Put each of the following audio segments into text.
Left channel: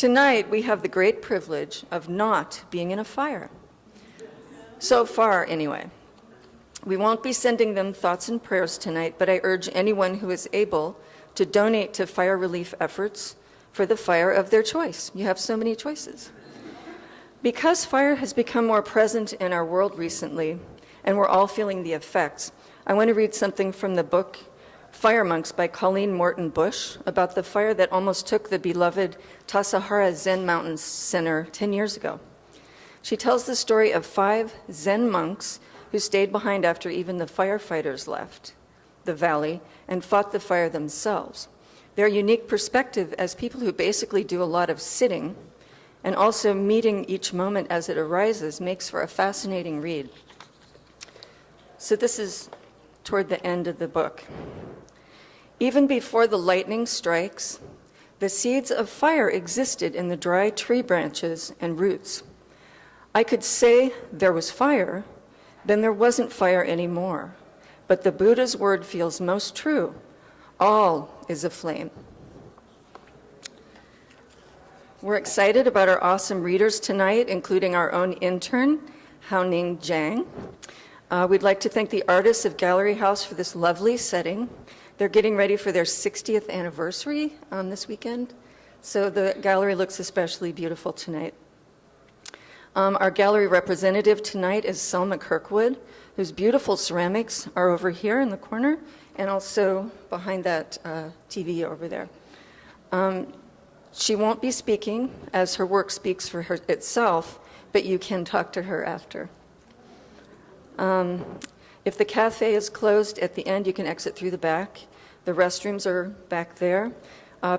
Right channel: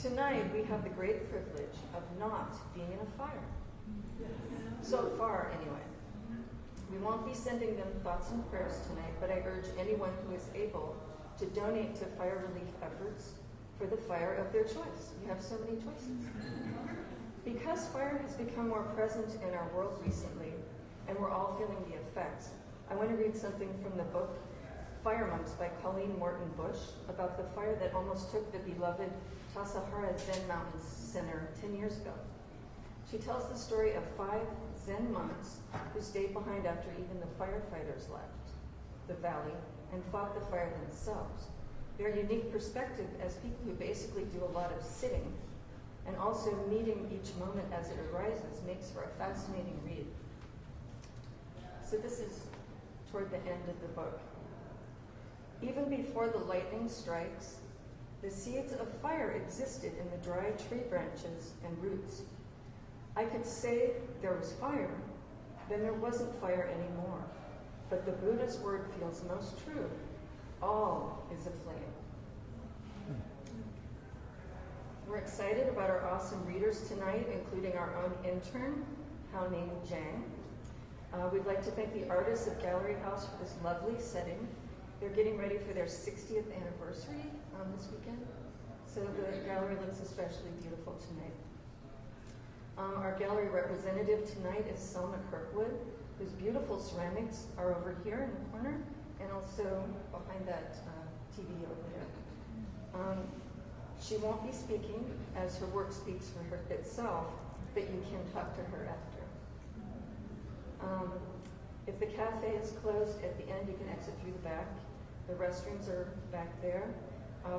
Tonight, we have the great privilege of not being in a fire. So far, anyway. We won't be sending them thoughts and prayers tonight, but I urge anyone who is able to donate to fire relief efforts for the fire of their choice. You have so many choices. Because fire has become more present in our world recently, and we're all feeling the effects, I want to read something from the book Fire Monks by Colleen Morton Bush about the fire that almost took the beloved Tassajara Zen Mountain Center 10 years ago. She tells the story of 5 Zen monks who stayed behind after even the firefighters left the valley and fought the fire themselves. Their unique perspective as people who basically do a lot of sitting and also meeting each moment as it arises makes for a fascinating read. So this is toward the end of the book. Even before the lightning strikes, the seeds of fire existed in the dry tree branches and roots. I could say there was fire, then there wasn't fire anymore. But the Buddha's word feels most true. All is aflame. We're excited about our awesome readers tonight, including our own intern, Haoning Jiang. We'd like to thank the artists of Gallery House for this lovely setting. They're getting ready for their 60th anniversary this weekend, so the gallery looks especially beautiful tonight. Our gallery representative tonight is Selma Kirkwood, whose beautiful ceramics are over here in the corner, and also behind that TV over there. She won't be speaking, as her work speaks for her itself, but you can talk to her after. If the cafe is closed at the end, you can exit through the back. The restrooms are back there.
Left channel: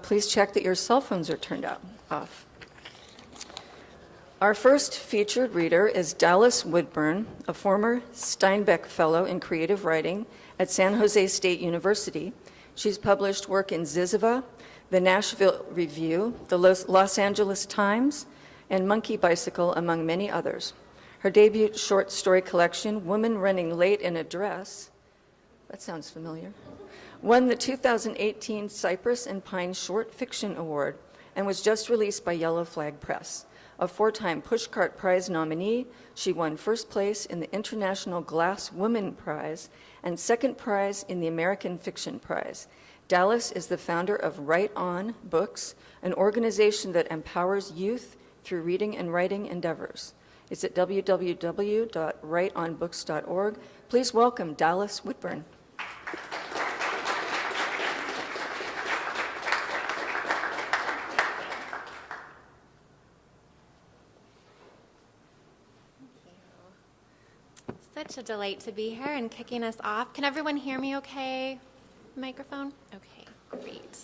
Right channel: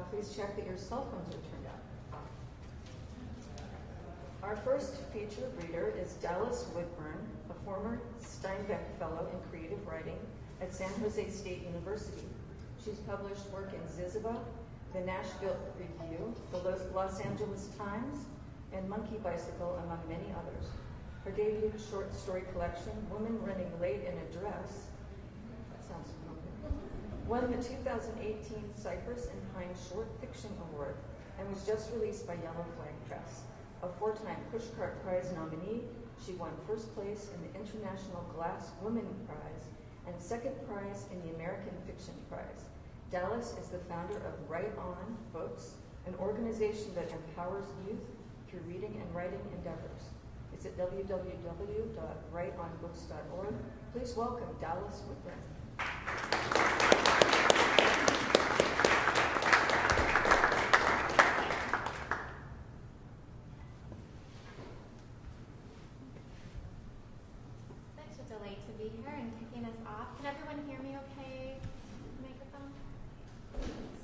Please check that your cell phones are turned off. Our first featured reader is Dallas Woodburn, a former Steinbeck Fellow in Creative Writing at San Jose State University. She's published work in Ziziva, the Nashville Review, the Los Angeles Times, and Monkey Bicycle, among many others. Her debut short story collection, Woman Running Late in a Dress, that sounds familiar, won the 2018 Cypress and Pine Short Fiction Award and was just released by Yellow Flag Press. A 4-time Pushcart Prize nominee, she won first place in the International Glass Woman Prize and second prize in the American Fiction Prize. Dallas is the founder of Write On Books, an organization that empowers youth through reading and writing endeavors. It's at www.writeonbooks.org. Please welcome Dallas Woodburn. Such a delight to be here and kicking us off. Can everyone hear me okay? Microphone? Okay, great.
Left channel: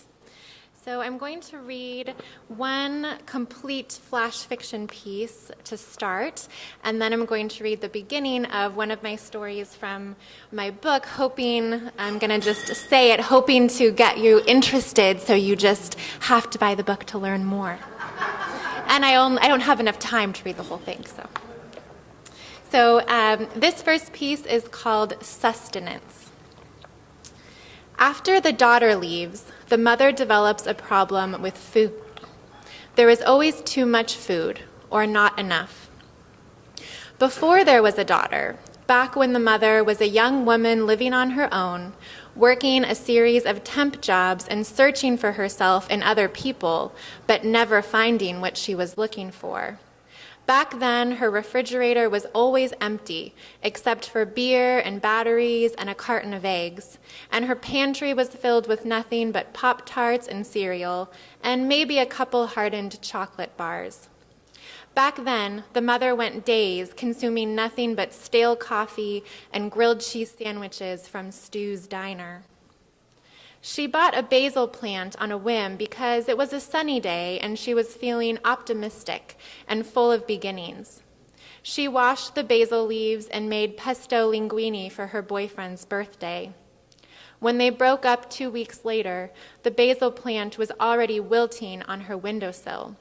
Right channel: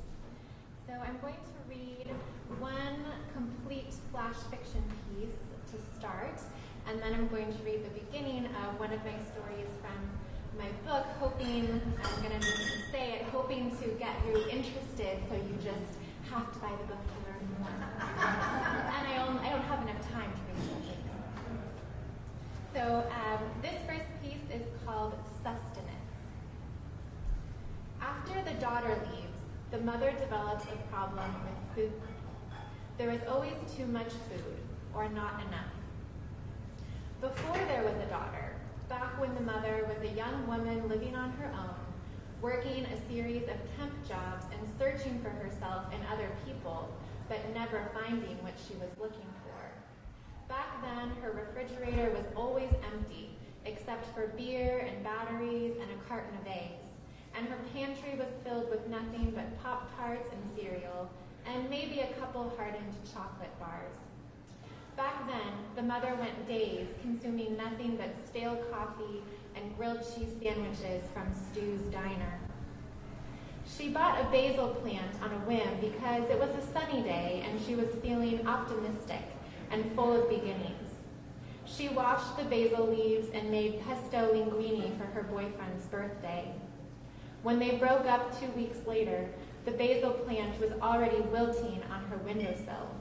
So I'm going to read one complete flash fiction piece to start, and then I'm going to read the beginning of one of my stories from my book, hoping, I'm going to just say it, hoping to get you interested so you just have to buy the book to learn more. And I don't have enough time to read the whole thing, So this first piece is called Sustenance. After the daughter leaves, the mother develops a problem with food. There is always too much food, or not enough. Before there was a daughter, back when the mother was a young woman living on her own, working a series of temp jobs and searching for herself in other people, but never finding what she was looking for. Back then, her refrigerator was always empty, except for beer and batteries and a carton of eggs, and her pantry was filled with nothing but Pop-Tarts and cereal, and maybe a couple hardened chocolate bars. Back then, the mother went days consuming nothing but stale coffee and grilled cheese sandwiches from Stu's Diner. She bought a basil plant on a whim because it was a sunny day and she was feeling optimistic and full of beginnings. She washed the basil leaves and made pesto linguine for her boyfriend's birthday. When they broke up 2 weeks later, the basil plant was already wilting on her windowsill,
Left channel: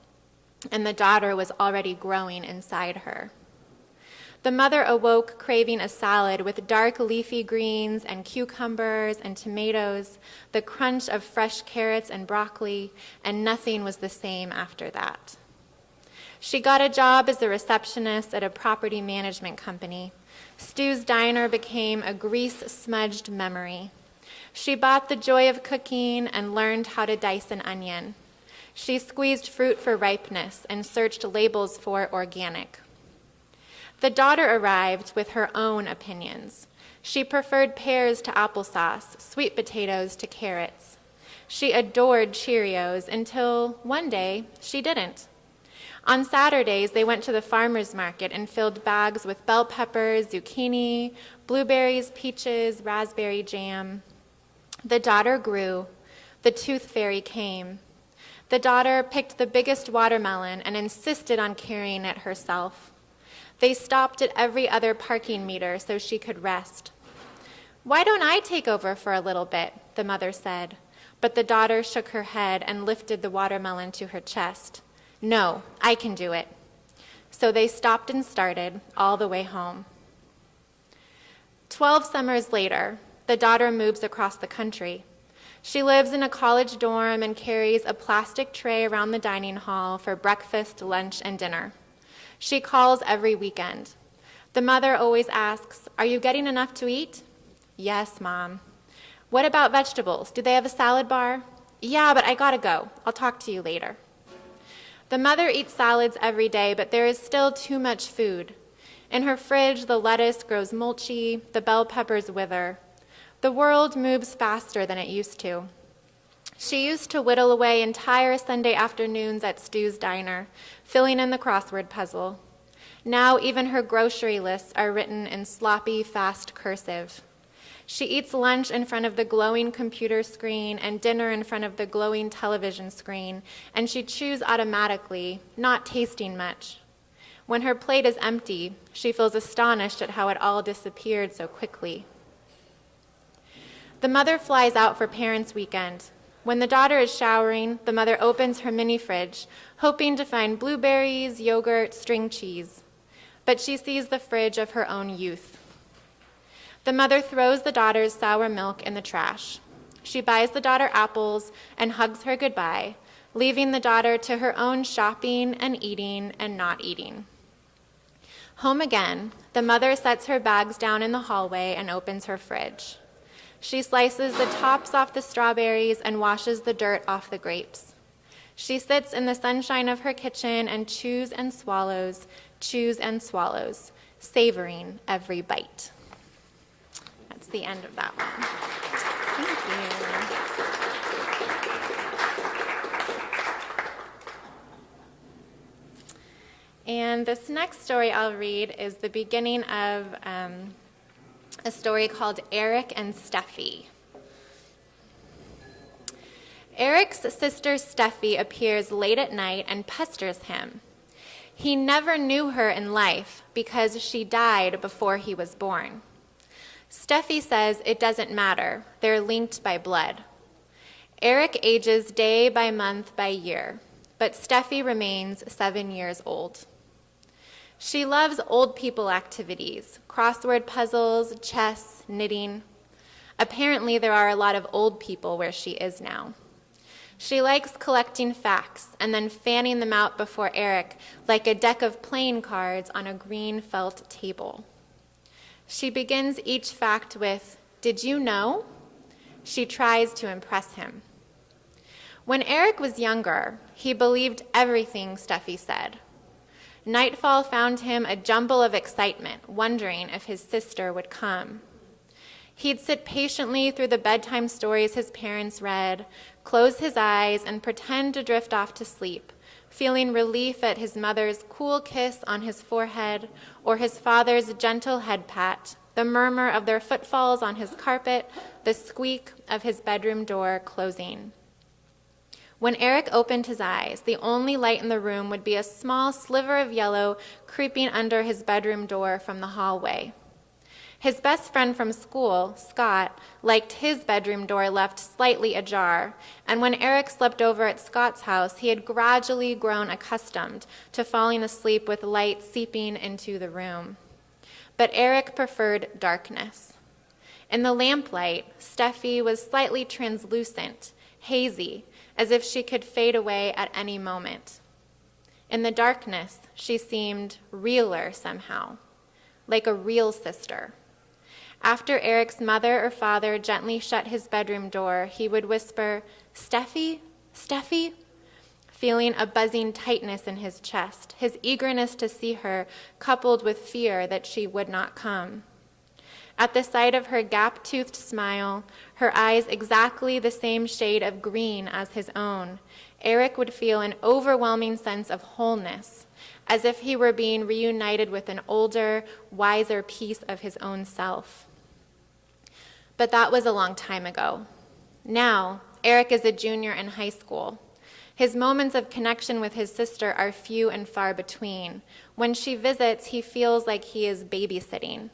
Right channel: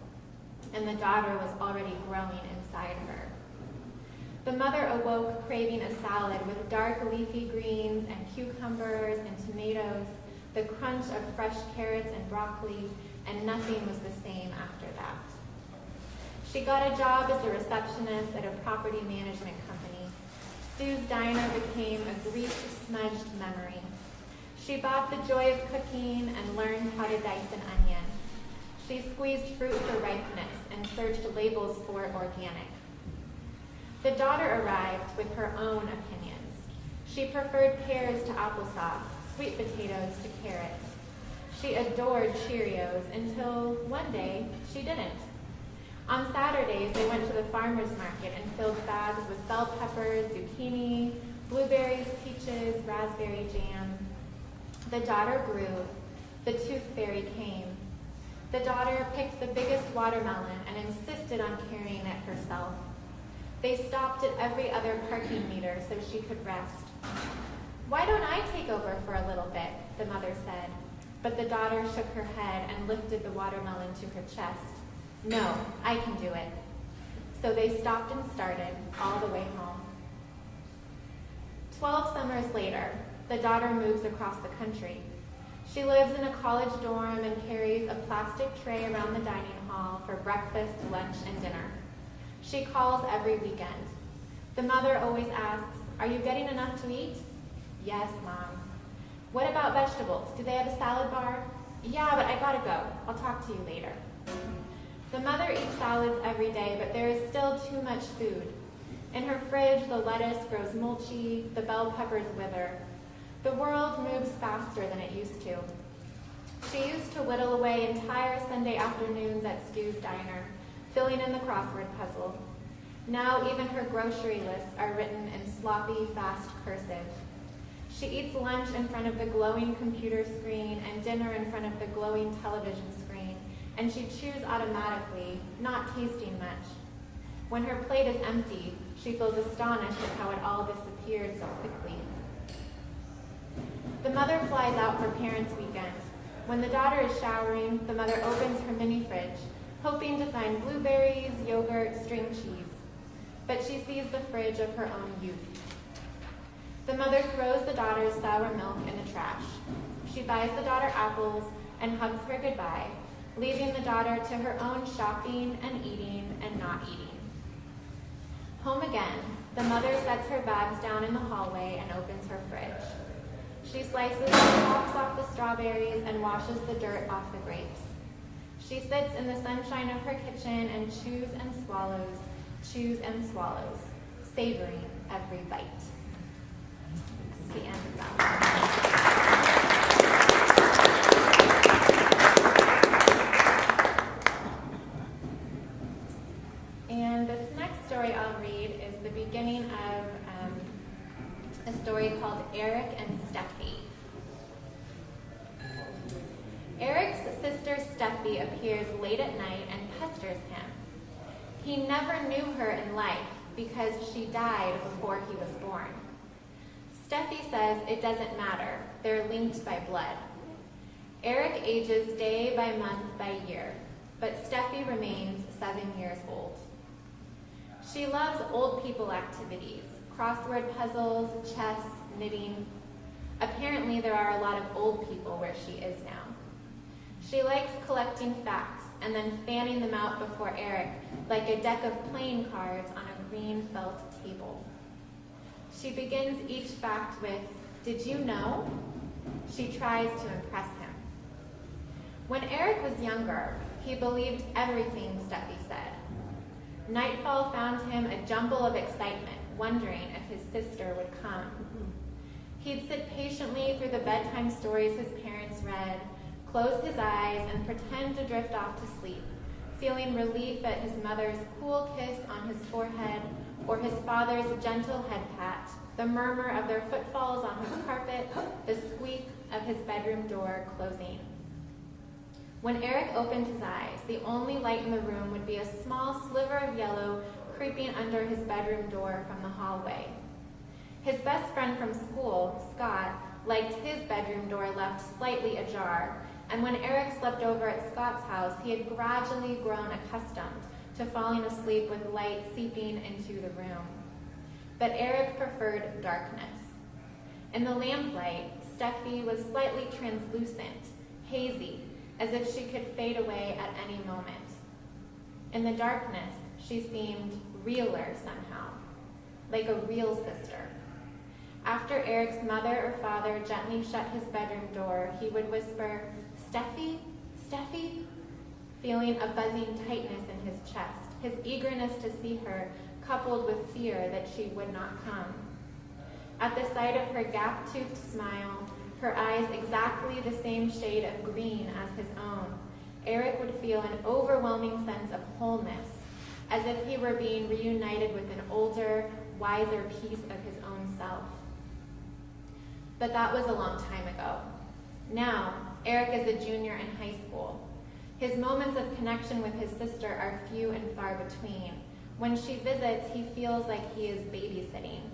and the daughter was already growing inside her. The mother awoke craving a salad with dark leafy greens and cucumbers and tomatoes, the crunch of fresh carrots and broccoli, and nothing was the same after that. She got a job as a receptionist at a property management company. Stu's diner became a grease-smudged memory. She bought the joy of cooking and learned how to dice an onion. She squeezed fruit for ripeness and searched labels for organic. The daughter arrived with her own opinions. She preferred pears to applesauce, sweet potatoes to carrots. She adored Cheerios until one day she didn't. On Saturdays, they went to the farmer's market and filled bags with bell peppers, zucchini, blueberries, peaches, raspberry jam. The daughter grew. The tooth fairy came. The daughter picked the biggest watermelon and insisted on carrying it herself. They stopped at every other parking meter so she could rest. "Why don't I take over for a little bit?" the mother said. But the daughter shook her head and lifted the watermelon to her chest. "No, I can do it." So they stopped and started all the way home. 12 summers later, the daughter moves across the country. She lives in a college dorm and carries a plastic tray around the dining hall for breakfast, lunch, and dinner. She calls every weekend. The mother always asks, "Are you getting enough to eat?" "Yes, Mom." "What about vegetables? Do they have a salad bar?" "Yeah, but I gotta go. I'll talk to you later." The mother eats salads every day, but there is still too much food. In her fridge, the lettuce grows mulchy, the bell peppers wither. The world moves faster than it used to. She used to whittle away entire Sunday afternoons at Stu's diner, filling in the crossword puzzle. Now even her grocery lists are written in sloppy, fast cursive. She eats lunch in front of the glowing computer screen and dinner in front of the glowing television screen, and she chews automatically, not tasting much. When her plate is empty, she feels astonished at how it all disappeared so quickly. The mother flies out for Parents' Weekend. When the daughter is showering, the mother opens her mini fridge, hoping to find blueberries, yogurt, string cheese. But she sees the fridge of her own youth. The mother throws the daughter's sour milk in the trash. She buys the daughter apples and hugs her goodbye, leaving the daughter to her own shopping and eating and not eating. Home again, the mother sets her bags down in the hallway and opens her fridge. She slices the tops off the strawberries and washes the dirt off the grapes. She sits in the sunshine of her kitchen and chews and swallows, savoring every bite. That's the end of that one. And this next story I'll read is the beginning of a story called Eric and Steffi. Eric's sister Steffi appears late at night and pesters him. He never knew her in life because she died before he was born. Steffi says it doesn't matter, they're linked by blood. Eric ages day by month by year, but Steffi remains 7 years old. She loves old people activities, crossword puzzles, chess, knitting. Apparently there are a lot of old people where she is now. She likes collecting facts and then fanning them out before Eric like a deck of playing cards on a green felt table. She begins each fact with, "Did you know?" She tries to impress him. When Eric was younger, he believed everything Steffi said. Nightfall found him a jumble of excitement, wondering if his sister would come. He'd sit patiently through the bedtime stories his parents read, close his eyes, and pretend to drift off to sleep, feeling relief at his mother's cool kiss on his forehead or his father's gentle head pat, the murmur of their footfalls on his carpet, the squeak of his bedroom door closing. When Eric opened his eyes, the only light in the room would be a small sliver of yellow creeping under his bedroom door from the hallway. His best friend from school, Scott, liked his bedroom door left slightly ajar, and when Eric slept over at Scott's house, he had gradually grown accustomed to falling asleep with light seeping into the room. But Eric preferred darkness. In the lamplight, Steffi was slightly translucent, hazy, as if she could fade away at any moment. In the darkness, she seemed realer somehow, like a real sister. After Eric's mother or father gently shut his bedroom door, he would whisper, "Steffi, Steffi," feeling a buzzing tightness in his chest, his eagerness to see her coupled with fear that she would not come. At the sight of her gap-toothed smile, her eyes exactly the same shade of green as his own, Eric would feel an overwhelming sense of wholeness, as if he were being reunited with an older, wiser piece of his own self. But that was a long time ago. Now, Eric is a junior in high school. His moments of connection with his sister are few and far between. When she visits, he feels like he is babysitting.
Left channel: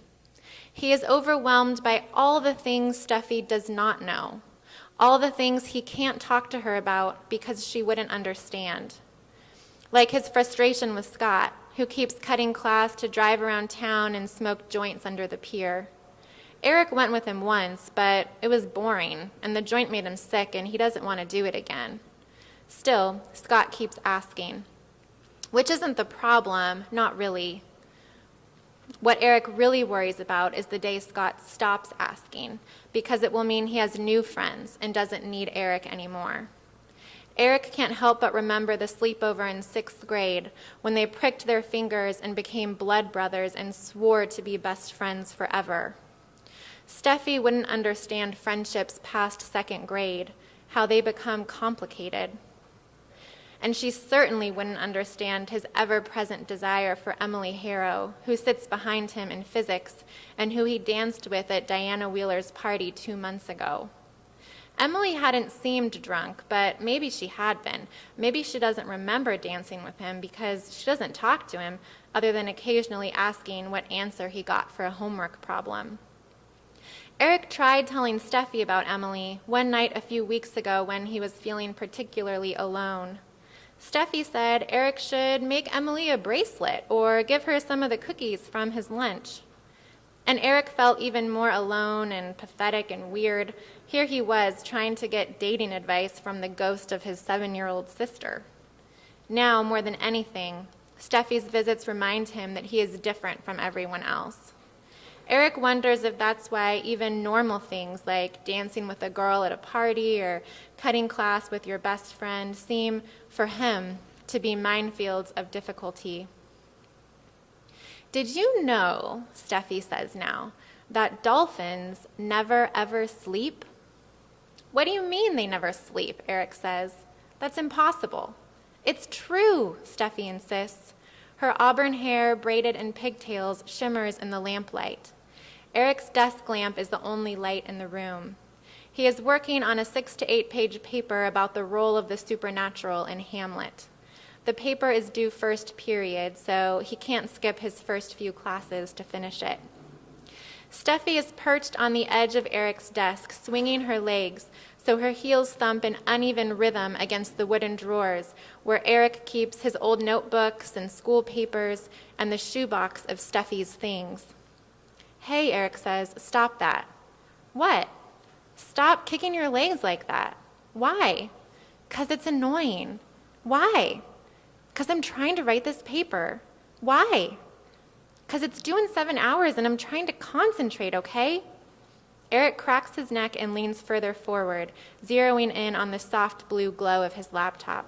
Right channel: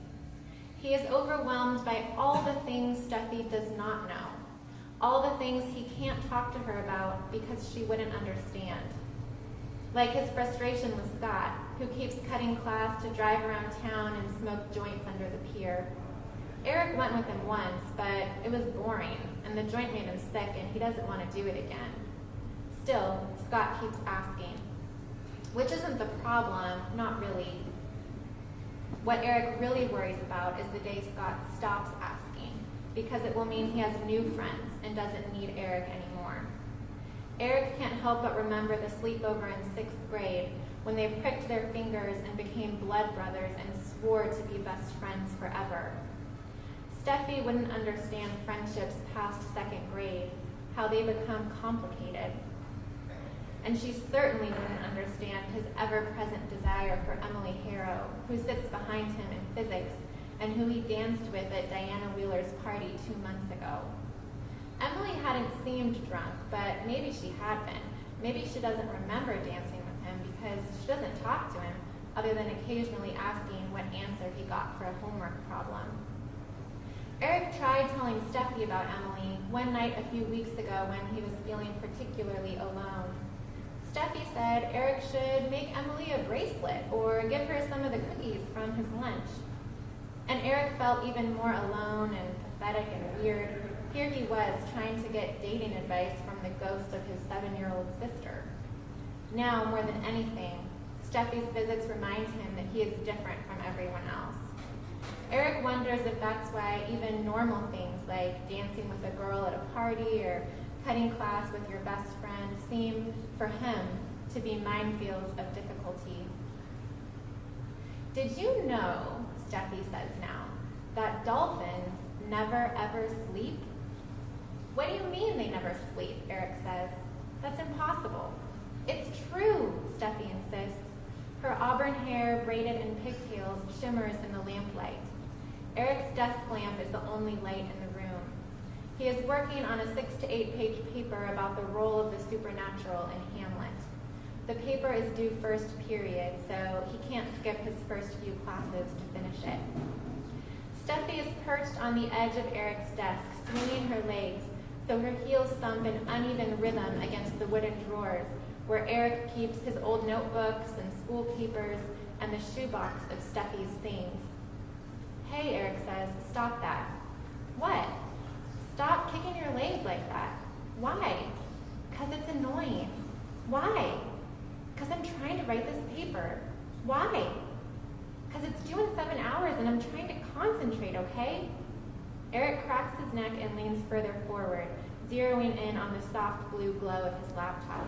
He is overwhelmed by all the things Steffi does not know, all the things he can't talk to her about because she wouldn't understand. Like his frustration with Scott, who keeps cutting class to drive around town and smoke joints under the pier. Eric went with him once, but it was boring, and the joint made him sick, and he doesn't want to do it again. Still, Scott keeps asking, which isn't the problem, not really. What Eric really worries about is the day Scott stops asking, because it will mean he has new friends and doesn't need Eric anymore. Eric can't help but remember the sleepover in 6th grade when they pricked their fingers and became blood brothers and swore to be best friends forever. Steffi wouldn't understand friendships past 2nd grade, how they become complicated. And she certainly wouldn't understand his ever-present desire for Emily Harrow, who sits behind him in physics and who he danced with at Diana Wheeler's party 2 months ago. Emily hadn't seemed drunk, but maybe she had been. Maybe she doesn't remember dancing with him because she doesn't talk to him other than occasionally asking what answer he got for a homework problem. Eric tried telling Steffi about Emily one night a few weeks ago when he was feeling particularly alone. Steffi said Eric should make Emily a bracelet or give her some of the cookies from his lunch. And Eric felt even more alone and pathetic and weird. Here he was trying to get dating advice from the ghost of his 7-year-old sister. Now, more than anything, Steffi's visits remind him that he is different from everyone else. Eric wonders if that's why even normal things like dancing with a girl at a party or cutting class with your best friend seem, for him, to be minefields of difficulty. Did you know, Steffi says now, that dolphins never ever sleep? What do you mean they never sleep? Eric says. That's impossible. It's true, Steffi insists. Her auburn hair, braided in pigtails, shimmers in the lamplight. Eric's desk lamp is the only light in the room. He is working on a 6 to 8 page paper about the role of the supernatural in Hamlet. The paper is due first period, so he can't skip his first few classes to finish it. Steffi is perched on the edge of Eric's desk, swinging her legs so her heels thump in uneven rhythm against the wooden drawers where Eric keeps his old notebooks and school papers and the shoebox of Steffi's things. Hey, Eric says, stop that. What? Stop kicking your legs like that. Why? 'Cause it's annoying. Why? 'Cause I'm trying to write this paper. Why? 'Cause it's due in 7 hours and I'm trying to concentrate, okay? Eric cracks his neck and leans further forward, zeroing in on the soft blue glow of his laptop.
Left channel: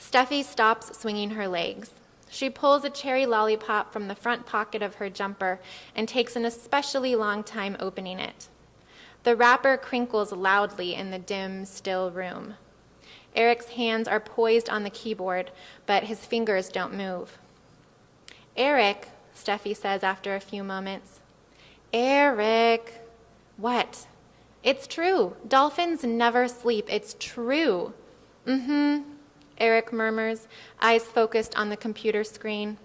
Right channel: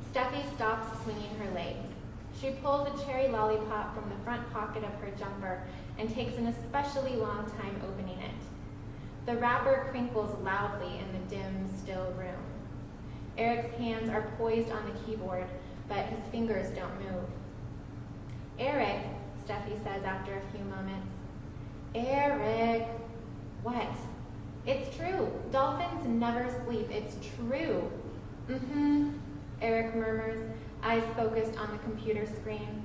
Steffi stops swinging her legs. She pulls a cherry lollipop from the front pocket of her jumper and takes an especially long time opening it. The wrapper crinkles loudly in the dim, still room. Eric's hands are poised on the keyboard, but his fingers don't move. Eric, Steffi says after a few moments. Eric. What? It's true. Dolphins never sleep. It's true. Eric murmurs, eyes focused on the computer screen.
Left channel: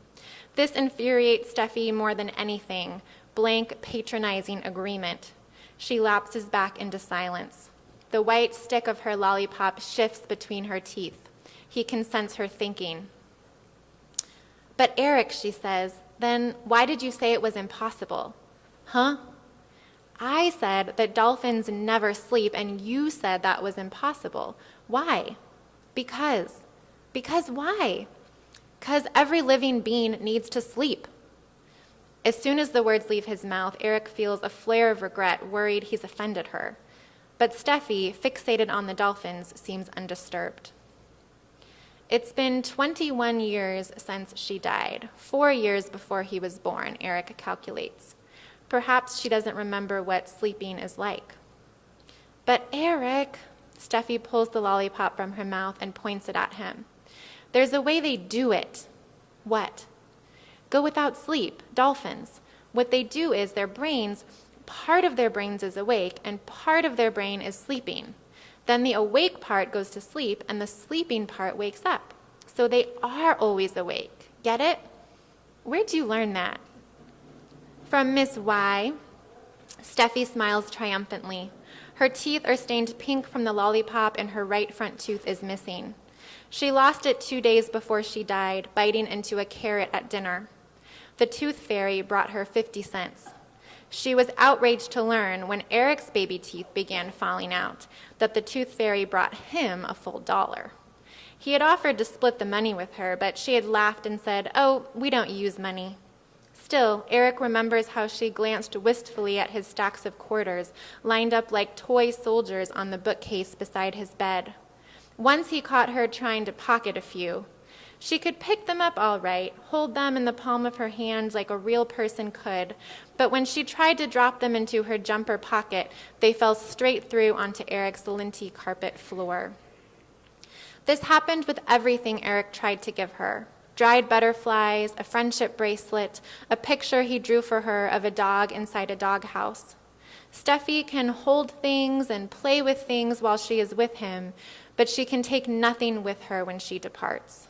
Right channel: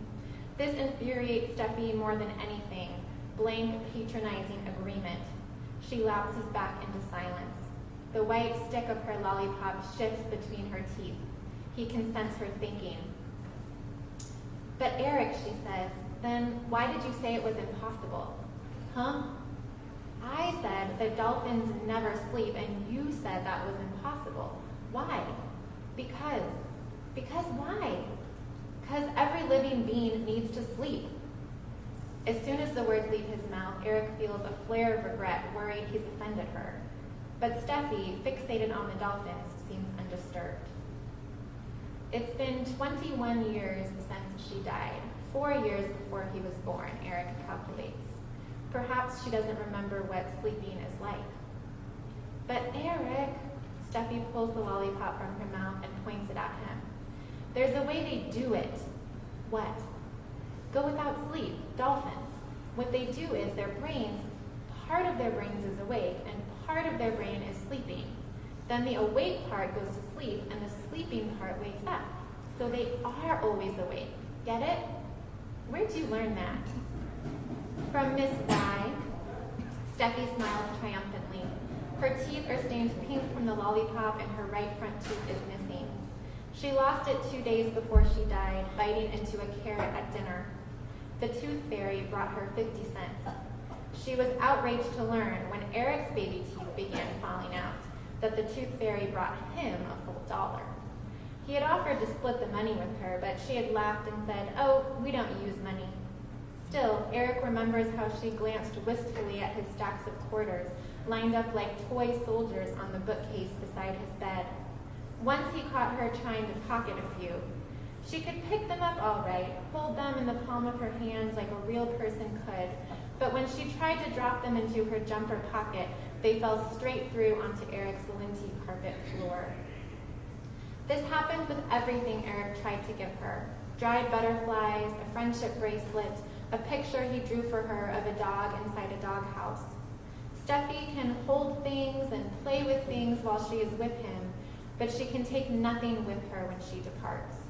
This infuriates Steffi more than anything. Blank, patronizing agreement. She lapses back into silence. The white stick of her lollipop shifts between her teeth. He can sense her thinking. But Eric, she says, Then why did you say it was impossible? Huh? I said that dolphins never sleep, and you said that was impossible. Why? Because. Because why? Because every living being needs to sleep. As soon as the words leave his mouth, Eric feels a flare of regret, worried he's offended her. But Steffi, fixated on the dolphins, seems undisturbed. It's been 21 years since she died, 4 years before he was born, Eric calculates. Perhaps she doesn't remember what sleeping is like. But Eric, Steffi pulls the lollipop from her mouth and points it at him. There's a way they do it. What? Go without sleep, dolphins. What they do is their brains, part of their brains is awake and part of their brain is sleeping. Then the awake part goes to sleep and the sleeping part wakes up. So they are always awake. Get it? Where'd you learn that? From Miss Y. Steffi smiles triumphantly. Her teeth are stained pink from the lollipop and her right front tooth is missing. She lost it 2 days before she died, biting into a carrot at dinner. The tooth fairy brought her 50 cents. She was outraged to learn when Eric's baby teeth began falling out that the tooth fairy brought him a full $1. He had offered to split the money with her, but she had laughed and said, "Oh, we don't use money." Still, Eric remembers how she glanced wistfully at his stacks of quarters, lined up like toy soldiers on the bookcase beside his bed. Once he caught her trying to pocket a few. She could pick them up all right, hold them in the palm of her hand like a real person could, but when she tried to drop them into her jumper pocket, they fell straight through onto Eric's linty carpet floor. This happened with everything Eric tried to give her. Dried butterflies, a friendship bracelet, a picture he drew for her of a dog inside a doghouse. Steffi can hold things and play with things while she is with him, but she can take nothing with her when she departs.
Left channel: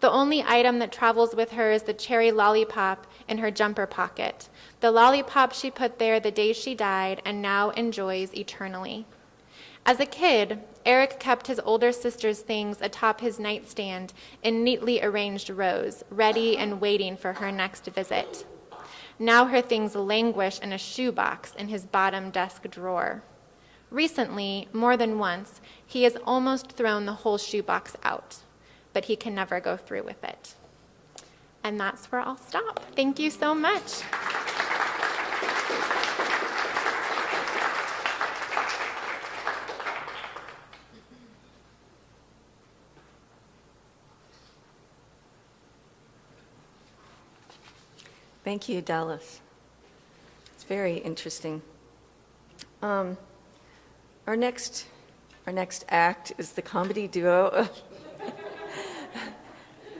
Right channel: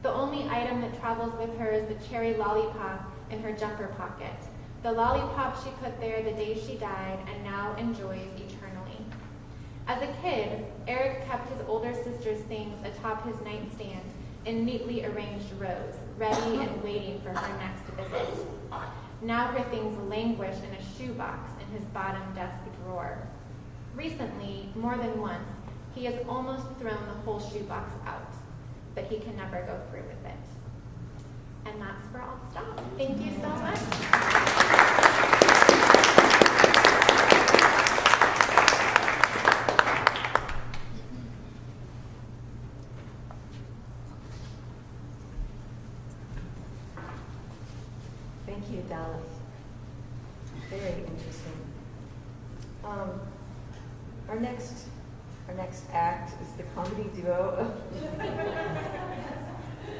The only item that travels with her is the cherry lollipop in her jumper pocket, the lollipop she put there the day she died and now enjoys eternally. As a kid, Eric kept his older sister's things atop his nightstand in neatly arranged rows, ready and waiting for her next visit. Now her things languish in a shoebox in his bottom desk drawer. Recently, more than once, he has almost thrown the whole shoebox out, but he can never go through with it. And that's where I'll stop. Thank you so much. Thank you, Dallas. It's very interesting. Our next act is the comedy duo of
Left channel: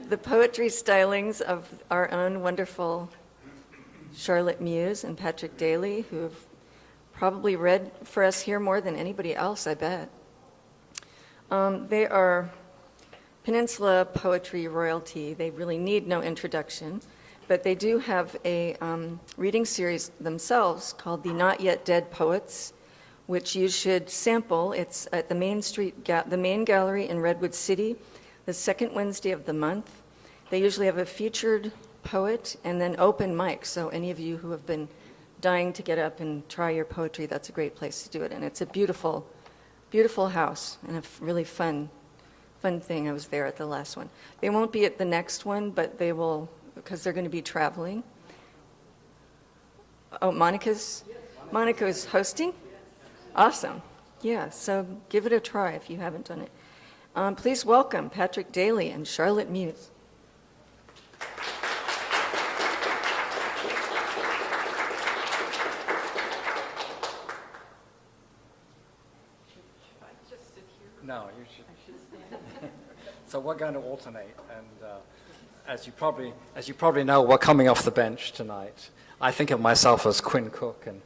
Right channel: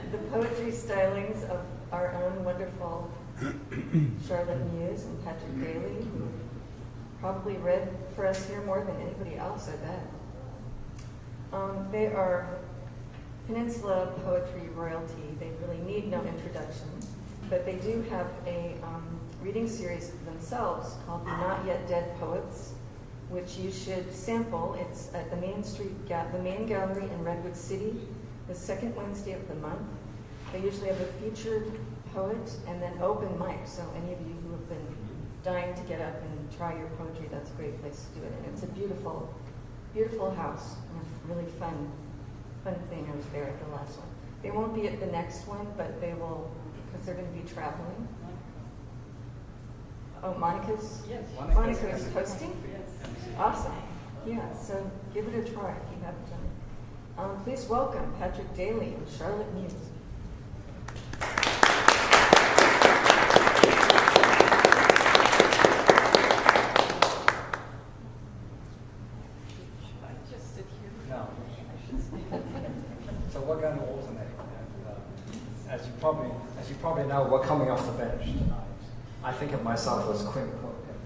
the poetry stylings of our own wonderful Charlotte Muse and Patrick Daly, who have probably read for us here more than anybody else, I bet. They are Peninsula poetry royalty. They really need no introduction, but they do have a reading series themselves called The Not Yet Dead Poets, which you should sample. It's at the the main gallery in Redwood City, the second Wednesday of the month. They usually have a featured poet and then open mic, so any of you who have been dying to get up and try your poetry, that's a great place to do it. And it's a beautiful, beautiful house and a really fun thing. I was there at the last one. They won't be at the next one, but they will, because they're going to be traveling. Oh, Monica's hosting? Awesome. Yeah, so give it a try if you haven't done it. Please welcome Patrick Daly and Charlotte Muse. No. So we're going to alternate, and as you probably know, we're coming off the bench tonight. I think of myself as Quinn Cook and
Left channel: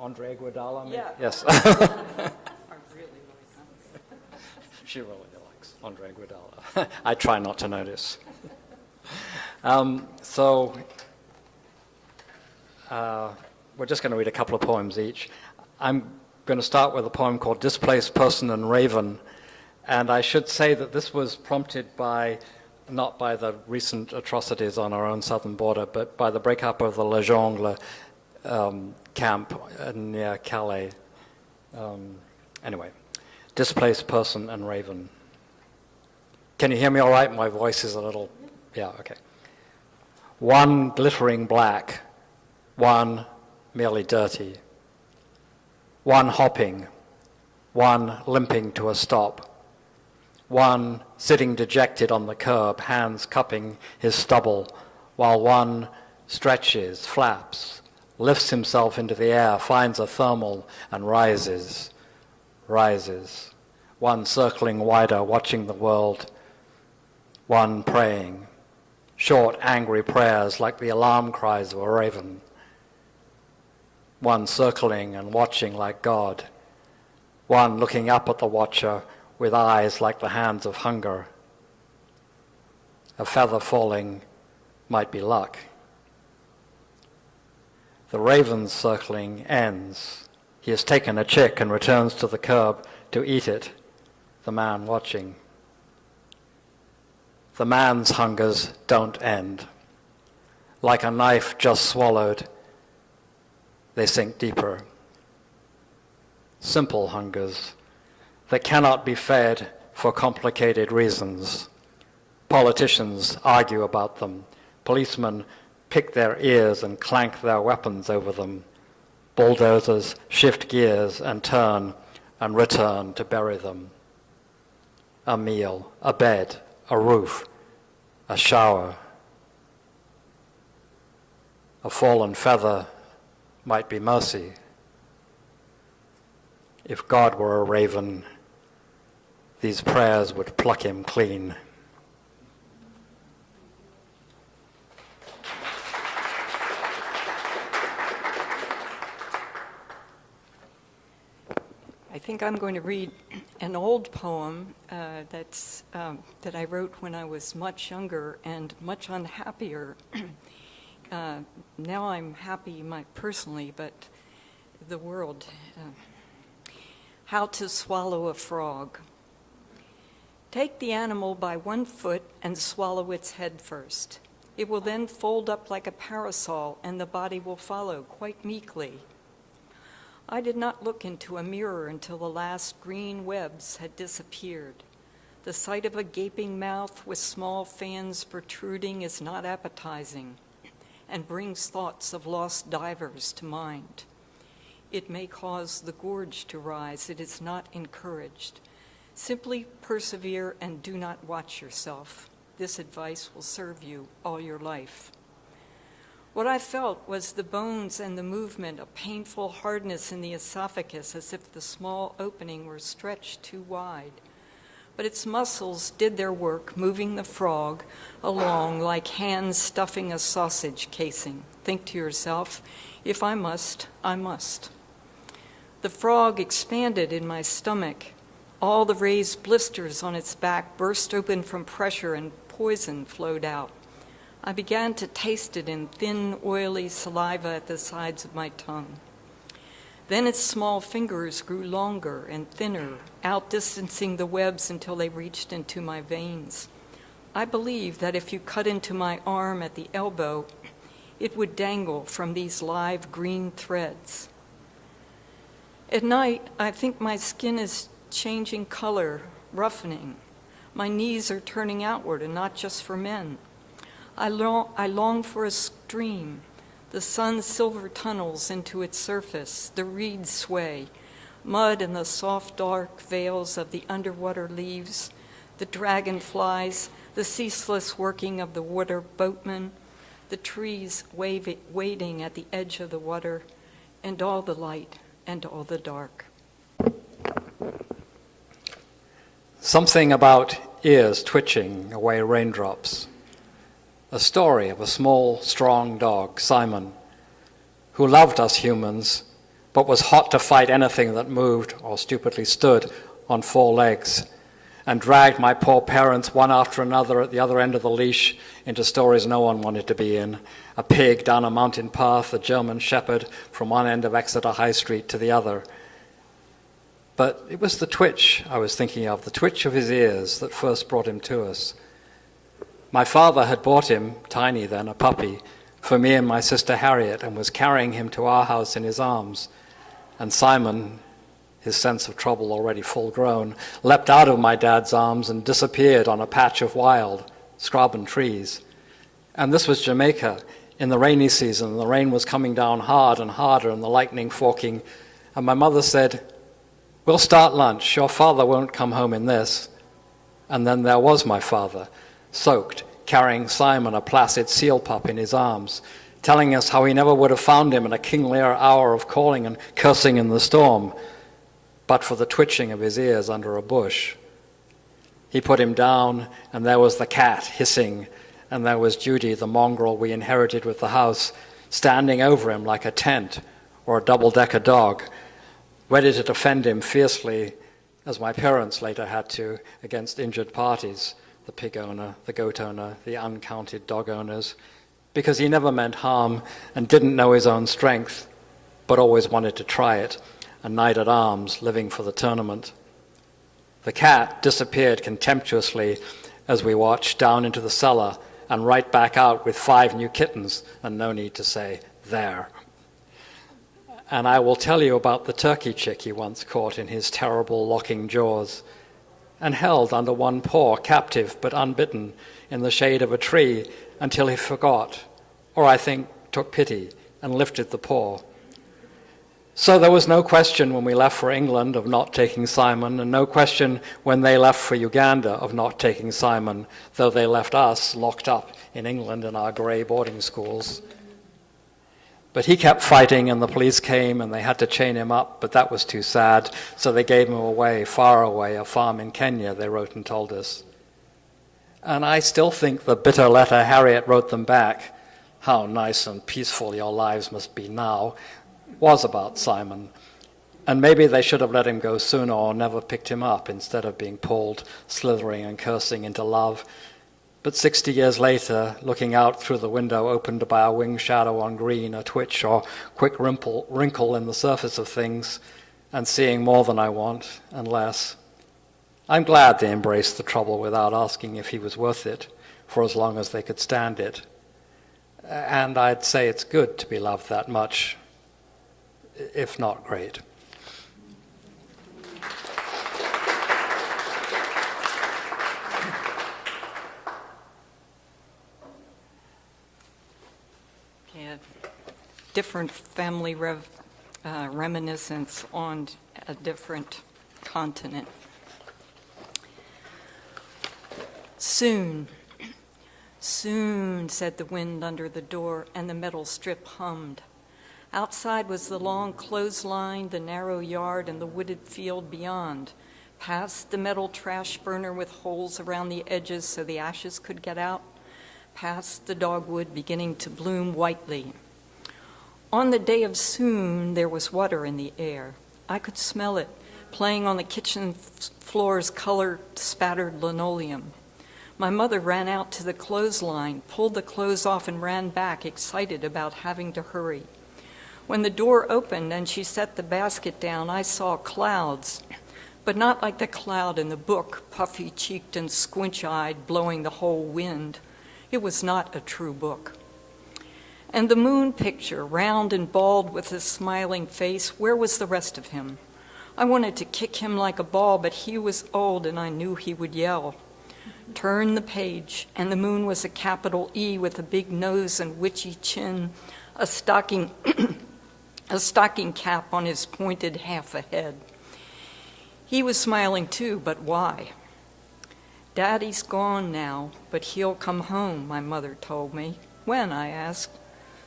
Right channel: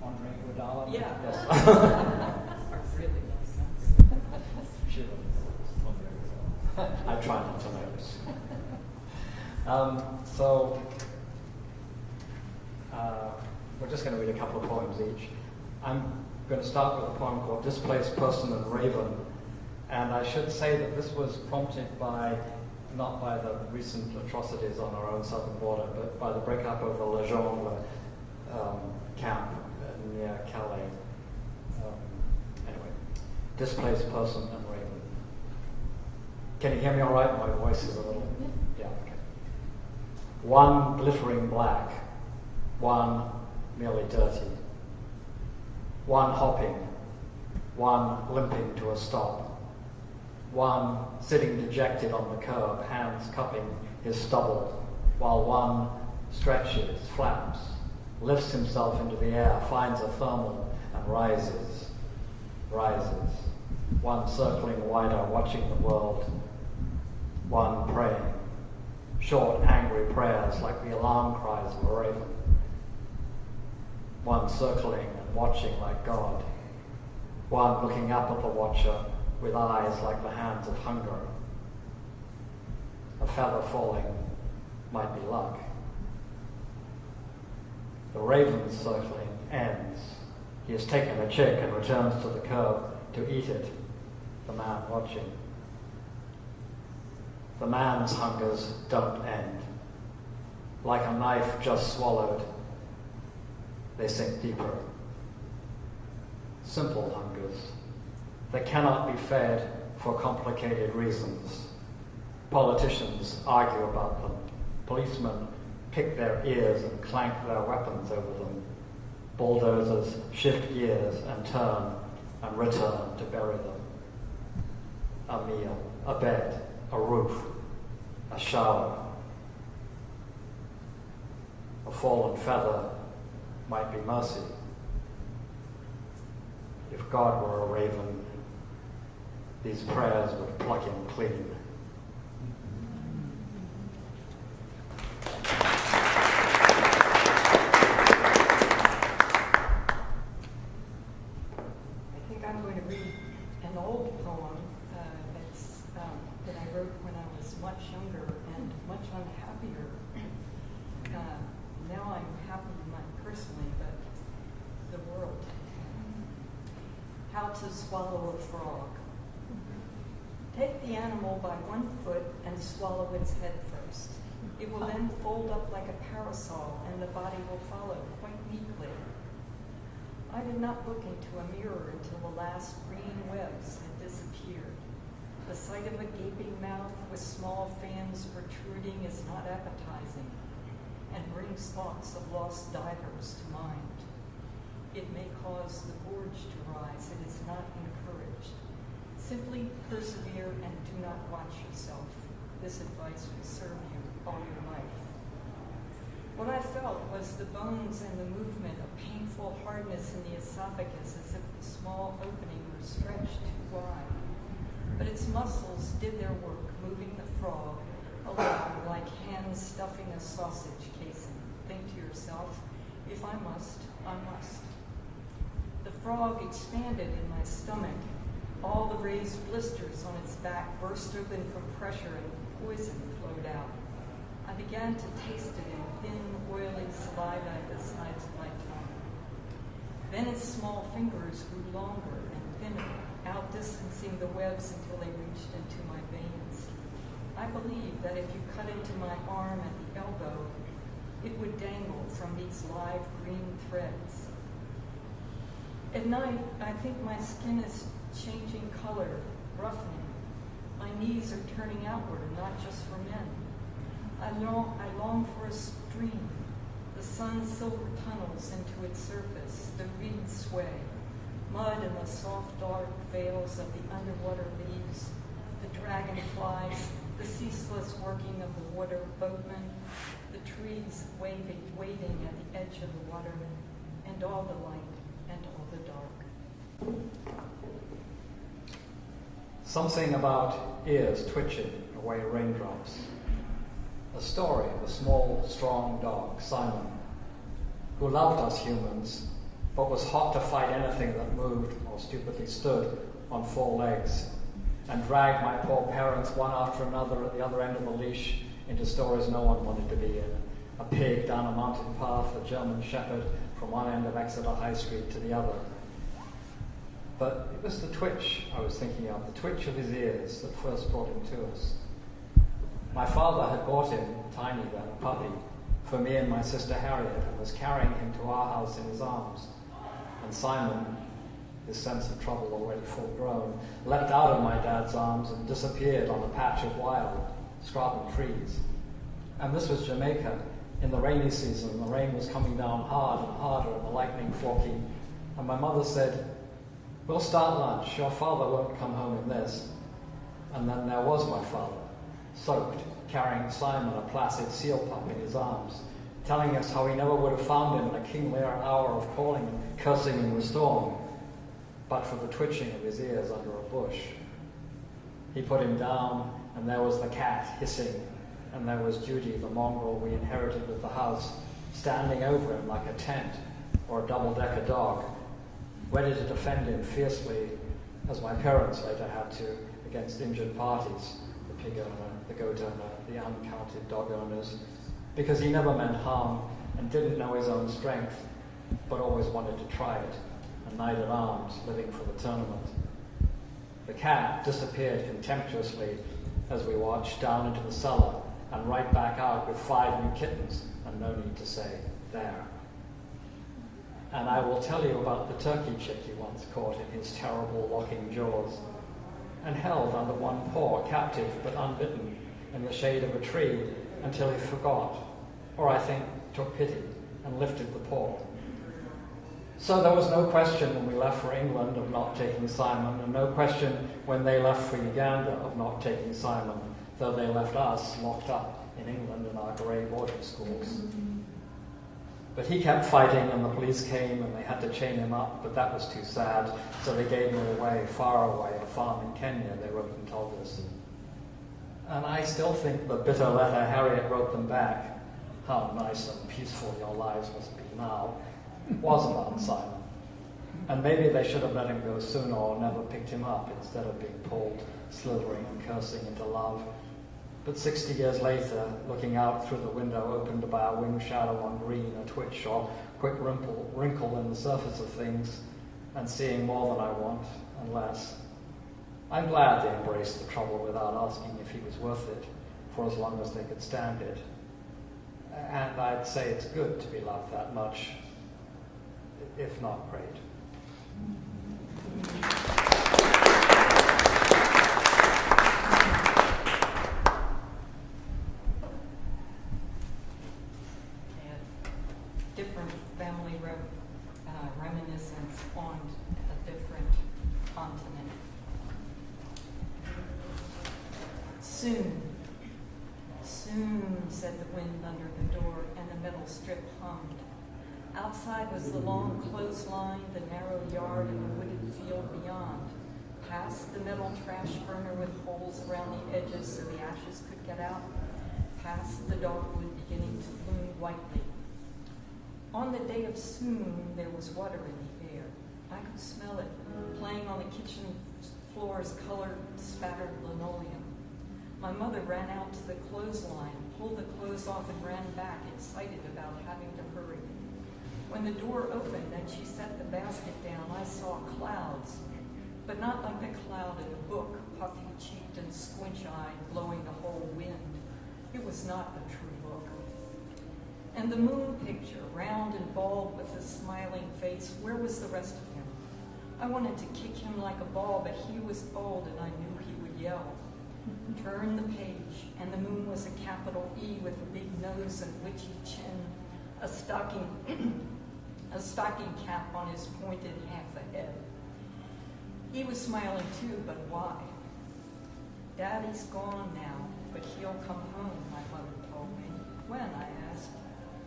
Andre Iguodala. Yeah. Yes. She really likes Andre Iguodala. I try not to notice. We're just going to read a couple of poems each. I'm going to start with a poem called Displaced Person and Raven. And I should say that this was prompted by not by the recent atrocities on our own southern border, but by the breakup of the Le Jongle camp near Calais. Anyway, displaced person and raven. Can you hear me all right? My voice is a little, yeah, okay. One glittering black, one merely dirty, one hopping, one limping to a stop, one sitting dejected on the curb, hands cupping his stubble, while one stretches, flaps, lifts himself into the air, finds a thermal, and rises. One circling wider, watching the world, one praying, short, angry prayers like the alarm cries of a raven, one circling and watching like God, one looking up at the watcher with eyes like the hands of hunger. A feather falling might be luck. The raven's circling ends. He has taken a chick and returns to the curb to eat it, the man watching. The man's hungers don't end. Like a knife just swallowed, they sink deeper. Simple hungers that cannot be fed for complicated reasons. Politicians argue about them. Policemen pick their ears and clank their weapons over them. Bulldozers shift gears and turn and return to bury them. A meal, a bed, a roof, a shower. A fallen feather might be mercy. If God were a raven, these prayers would pluck him clean. I think I'm going to read an old poem that I wrote when I was much younger and much unhappier. Now I'm happy personally, but the world. How to swallow a frog. Take the animal by one foot and swallow its head first. It will then fold up like a parasol and the body will follow quite meekly. I did not look into a mirror until the last green webs had disappeared. The sight of a gaping mouth with small fans protruding is not appetizing and brings thoughts of lost divers to mind. It may cause the gorge to rise. It is not encouraged. Simply persevere and do not watch yourself. This advice will serve you all your life. What I felt was the bones and the movement of painful hardness in the esophagus, as if the small opening were stretched too wide. But its muscles did their work, moving the frog along like hands stuffing a sausage casing. Think to yourself, if I must, I must. The frog expanded in my stomach. All the raised blisters on its back burst open from pressure and poison flowed out. I began to taste it in thin, oily saliva at the sides of my tongue. Then its small fingers grew longer and thinner, outdistancing the webs until they reached into my veins. I believe that if you cut into my arm at the elbow, it would dangle from these live green threads. At night, I think my skin is changing color, roughening. My knees are turning outward, and not just for men. I long for a stream. The sun silver tunnels into its surface, the reeds sway, mud and the soft dark veils of the underwater leaves, the dragonflies, the ceaseless working of the water boatmen, the trees waiting at the edge of the water, and all the light and all the dark. Something about ears twitching away raindrops. A story of a small, strong dog, Simon, who loved us humans, but was hot to fight anything that moved or stupidly stood on four legs, and dragged my poor parents one after another at the other end of the leash into stories no one wanted to be in. A pig down a mountain path, a German shepherd from one end of Exeter High Street to the other. But it was the twitch I was thinking of, the twitch of his ears that first brought him to us. My father had bought him, tiny then, a puppy, for me and my sister Harriet, and was carrying him to our house in his arms. And Simon, his sense of trouble already full grown, leapt out of my dad's arms and disappeared on a patch of wild scrub and trees. And this was Jamaica. In the rainy season, the rain was coming down hard and harder and the lightning forking. And my mother said, "We'll start lunch. Your father won't come home in this." And then there was my father, soaked, carrying Simon, a placid seal pup, in his arms, telling us how he never would have found him in a King Lear hour of calling and cursing in the storm, but for the twitching of his ears under a bush. He put him down, and there was the cat hissing, and there was Judy, the mongrel we inherited with the house, standing over him like a tent or a double-decker dog, ready to defend him fiercely, as my parents later had to, against injured parties, the pig owner, the goat owner, the uncounted dog owners, because he never meant harm and didn't know his own strength, but always wanted to try it, a knight at arms living for the tournament. The cat disappeared contemptuously as we watched down into the cellar and right back out with 5 new kittens, and no need to say, "there." And I will tell you about the turkey chick he once caught in his terrible locking jaws and held under one paw, captive but unbitten, in the shade of a tree until he forgot, or I think took pity and lifted the paw. So there was no question when we left for England of not taking Simon, and no question when they left for Uganda of not taking Simon, though they left us locked up in England in our grey boarding schools. But he kept fighting, and the police came, and they had to chain him up, but that was too sad, so they gave him away, far away, a farm in Kenya, they wrote and told us. And I still think the bitter letter Harriet wrote them back, "How nice and peaceful your lives must be now," was about Simon. And maybe they should have let him go sooner or never picked him up instead of being pulled, slithering and cursing into love. But 60 years later, looking out through the window opened by a wing shadow on green, a twitch or quick wrinkle in the surface of things, and seeing more than I want and less, I'm glad they embraced the trouble without asking if he was worth it, for as long as they could stand it. And I'd say it's good to be loved that much, if not great. Yeah, different family reminiscence on a different continent. Soon, soon, said the wind under the door, and the metal strip hummed. Outside was the long clothesline, the narrow yard, and the wooded field beyond. Past the metal trash burner with holes around the edges so the ashes could get out. Past the dogwood beginning to bloom whitely. On the day of soon, there was water in the air. I could smell it, playing on the kitchen floor's colored, spattered linoleum. My mother ran out to the clothesline, pulled the clothes off, and ran back, excited about having to hurry. When the door opened and she set the basket down, I saw clouds, but not like the cloud in the book, puffy-cheeked and squinch-eyed, blowing the whole wind. It was not a true book. And the moon picture, round and bald with a smiling face, where was the rest of him? I wanted to kick him like a ball, but he was old and I knew he would yell. Turn the page, and the moon was a capital E with a big nose and witchy chin, a stocking cap on his pointed half a head. He was smiling too, but why? Daddy's gone now, but he'll come home, my mother told me. When, I asked.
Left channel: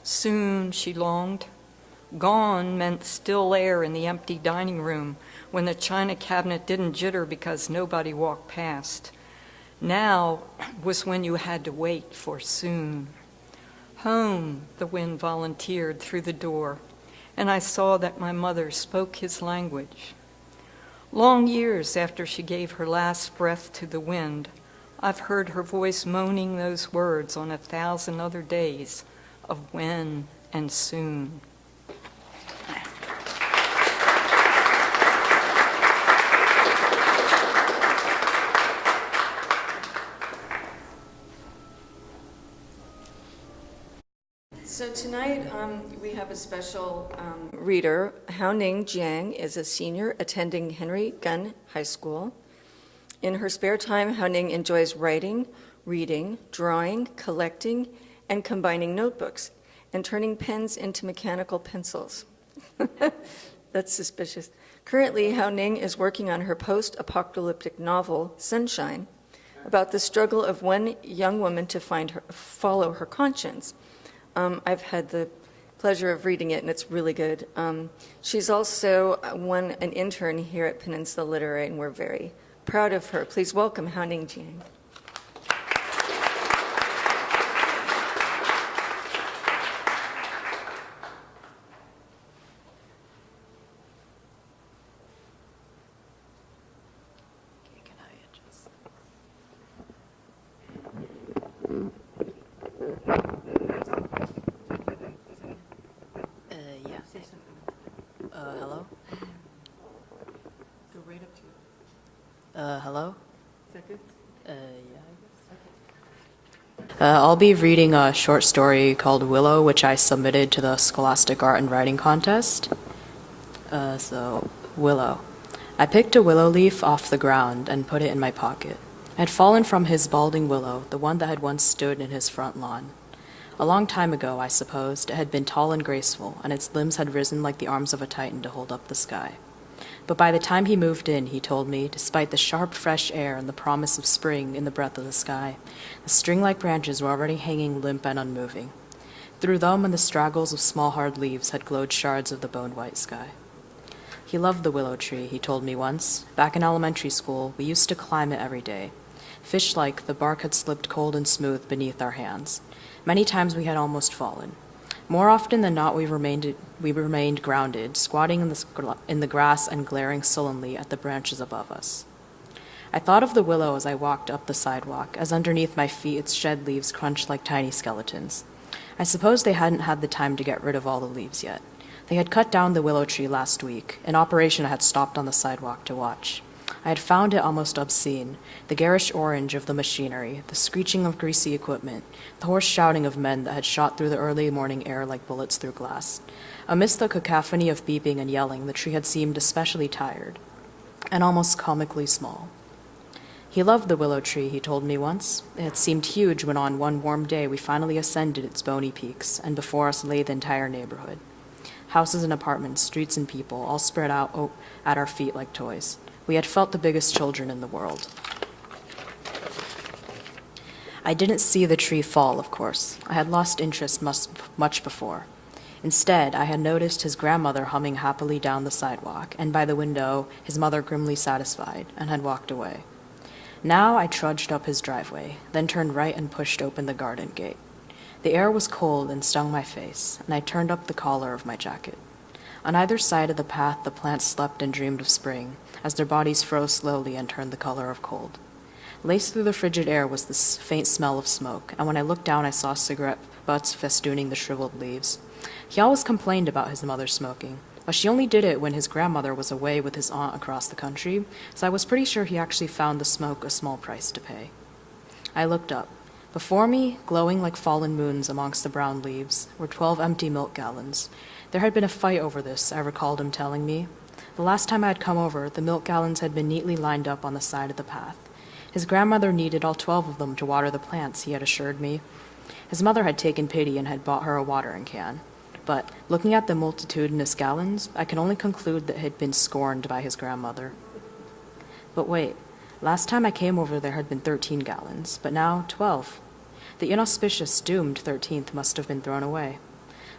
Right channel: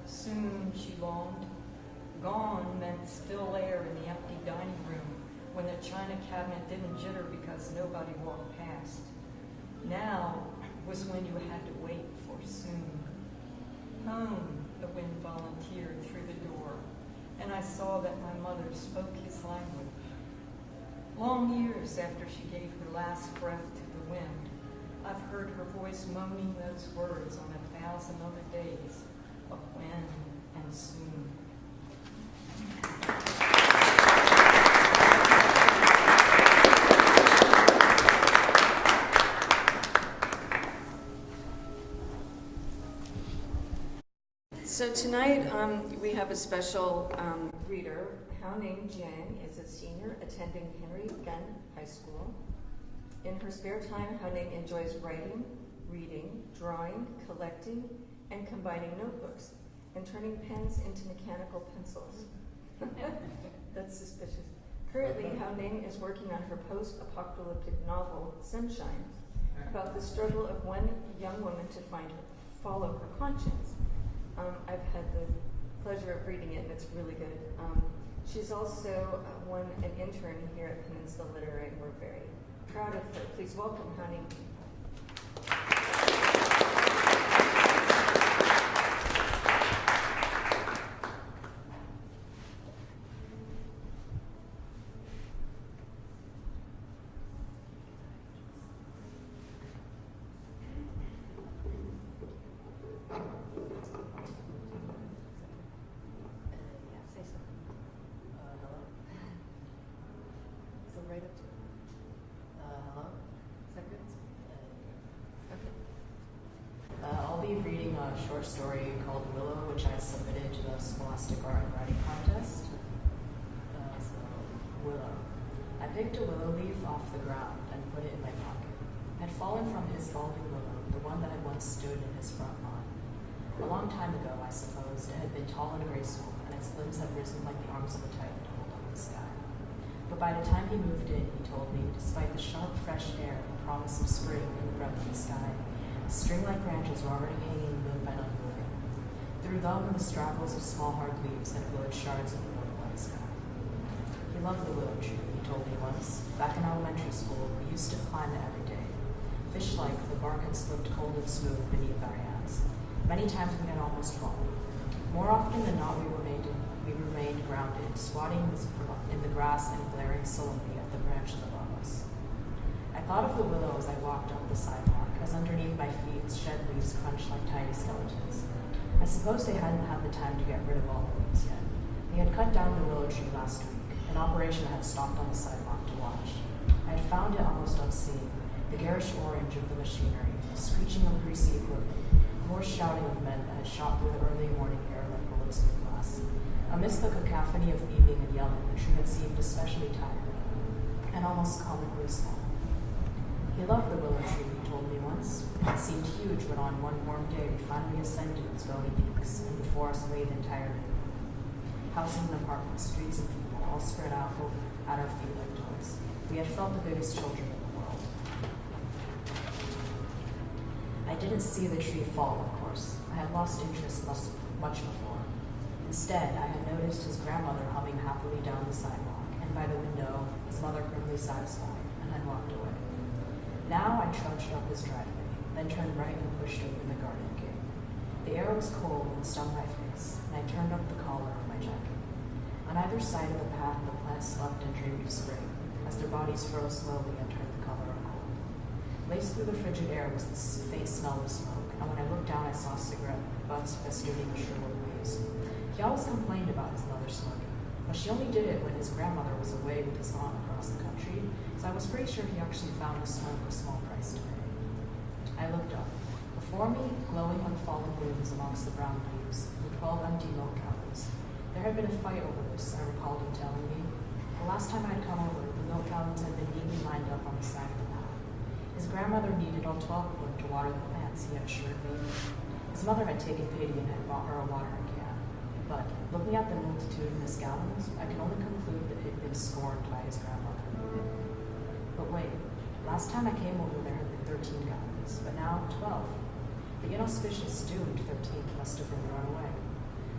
Soon, she longed. Gone meant still air in the empty dining room when the china cabinet didn't jitter because nobody walked past. Now was when you had to wait for soon. Home, the wind volunteered through the door, and I saw that my mother spoke his language. Long years after she gave her last breath to the wind, I've heard her voice moaning those words on 1,000 other days of when and soon. So tonight we have a special reader. Haoning Jiang is a senior attending Henry Gunn High School. In her spare time, Haoning enjoys writing, reading, drawing, collecting, and combining notebooks, and turning pens into mechanical pencils. That's suspicious. Currently, Haoning is working on her post-apocalyptic novel, Sunshine, about the struggle of one young woman to follow her conscience. I've had the pleasure of reading it, and it's really good. She's also an intern here at Peninsula Literary, and we're very proud of her. Please welcome Haoning Jiang. Hello? Go right up to it. Hello? Seconds? Yeah. I'll be reading a short story called Willow, which I submitted to the Scholastic Art and Writing Contest. So, Willow. I picked a willow leaf off the ground and put it in my pocket. I had fallen from his balding willow, the one that had once stood in his front lawn. A long time ago, I supposed, it had been tall and graceful, and its limbs had risen like the arms of a Titan to hold up the sky. But by the time he moved in, he told me, despite the sharp, fresh air and the promise of spring in the breath of the sky, the string-like branches were already hanging limp and unmoving. Through them and the straggles of small, hard leaves had glowed shards of the bone-white sky. He loved the willow tree, he told me once. Back in elementary school, we used to climb it every day. Fish-like, the bark had slipped cold and smooth beneath our hands. Many times we had almost fallen. More often than not, we remained grounded, squatting in the grass and glaring sullenly at the branches above us. I thought of the willow as I walked up the sidewalk, as underneath my feet its shed leaves crunched like tiny skeletons. I suppose they hadn't had the time to get rid of all the leaves yet. They had cut down the willow tree last week, an operation I had stopped on the sidewalk to watch. I had found it almost obscene, the garish orange of the machinery, the screeching of greasy equipment, the hoarse shouting of men that had shot through the early morning air like bullets through glass. Amidst the cacophony of beeping and yelling, the tree had seemed especially tired, and almost comically small. He loved the willow tree, he told me once. It had seemed huge when on one warm day we finally ascended its bony peaks, and before us lay the entire neighborhood. Houses and apartments, streets and people, all spread out at our feet like toys. We had felt the biggest children in the world. I didn't see the tree fall, of course. I had lost interest much before. Instead, I had noticed his grandmother humming happily down the sidewalk, and by the window, his mother grimly satisfied, and had walked away. Now I trudged up his driveway, then turned right and pushed open the garden gate. The air was cold and stung my face, and I turned up the collar of my jacket. On either side of the path, the plants slept and dreamed of spring, as their bodies froze slowly and turned the color of cold. Laced through the frigid air was the faint smell of smoke, and when I looked down I saw cigarette butts festooning the shriveled leaves. He always complained about his mother smoking, but she only did it when his grandmother was away with his aunt across the country, so I was pretty sure he actually found the smoke a small price to pay. I looked up. Before me, glowing like fallen moons amongst the brown leaves, were 12 empty milk gallons. There had been a fight over this, I recalled him telling me. The last time I had come over, the milk gallons had been neatly lined up on the side of the path. His grandmother needed all 12 of them to water the plants, he had assured me. His mother had taken pity and had bought her a watering can. But, looking at the multitudinous gallons, I can only conclude that it had been scorned by his grandmother. But wait, last time I came over there had been 13 gallons, but now 12. The inauspicious, doomed 13th must have been thrown away.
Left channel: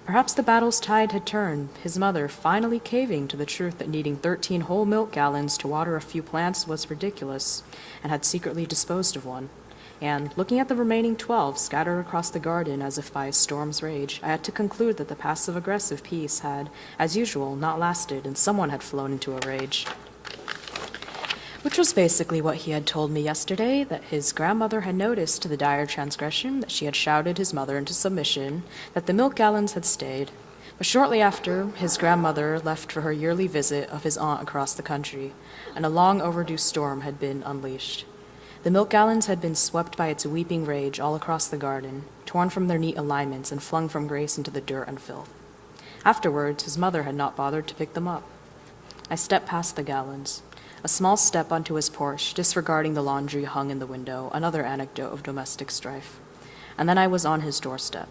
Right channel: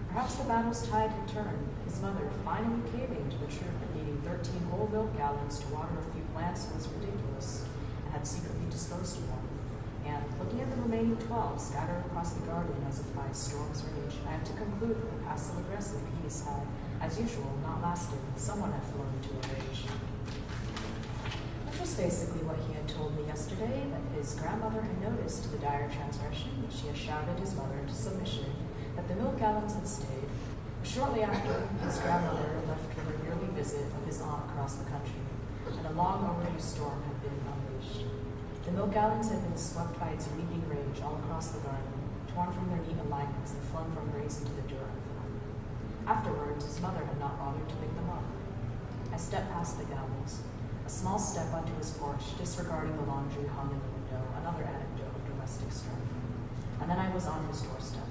Perhaps the battle's tide had turned, his mother finally caving to the truth that needing 13 whole milk gallons to water a few plants was ridiculous, and had secretly disposed of one. And, looking at the remaining 12 scattered across the garden as if by a storm's rage, I had to conclude that the passive-aggressive peace had, as usual, not lasted, and someone had flown into a rage. Which was basically what he had told me yesterday, that his grandmother had noticed the dire transgression, that she had shouted his mother into submission, that the milk gallons had stayed. But shortly after, his grandmother left for her yearly visit of his aunt across the country, and a long overdue storm had been unleashed. The milk gallons had been swept by its weeping rage all across the garden, torn from their neat alignments and flung from Grace into the dirt and filth. Afterwards, his mother had not bothered to pick them up. I stepped past the gallons, a small step onto his porch, disregarding the laundry hung in the window, another anecdote of domestic strife. And then I was on his doorstep.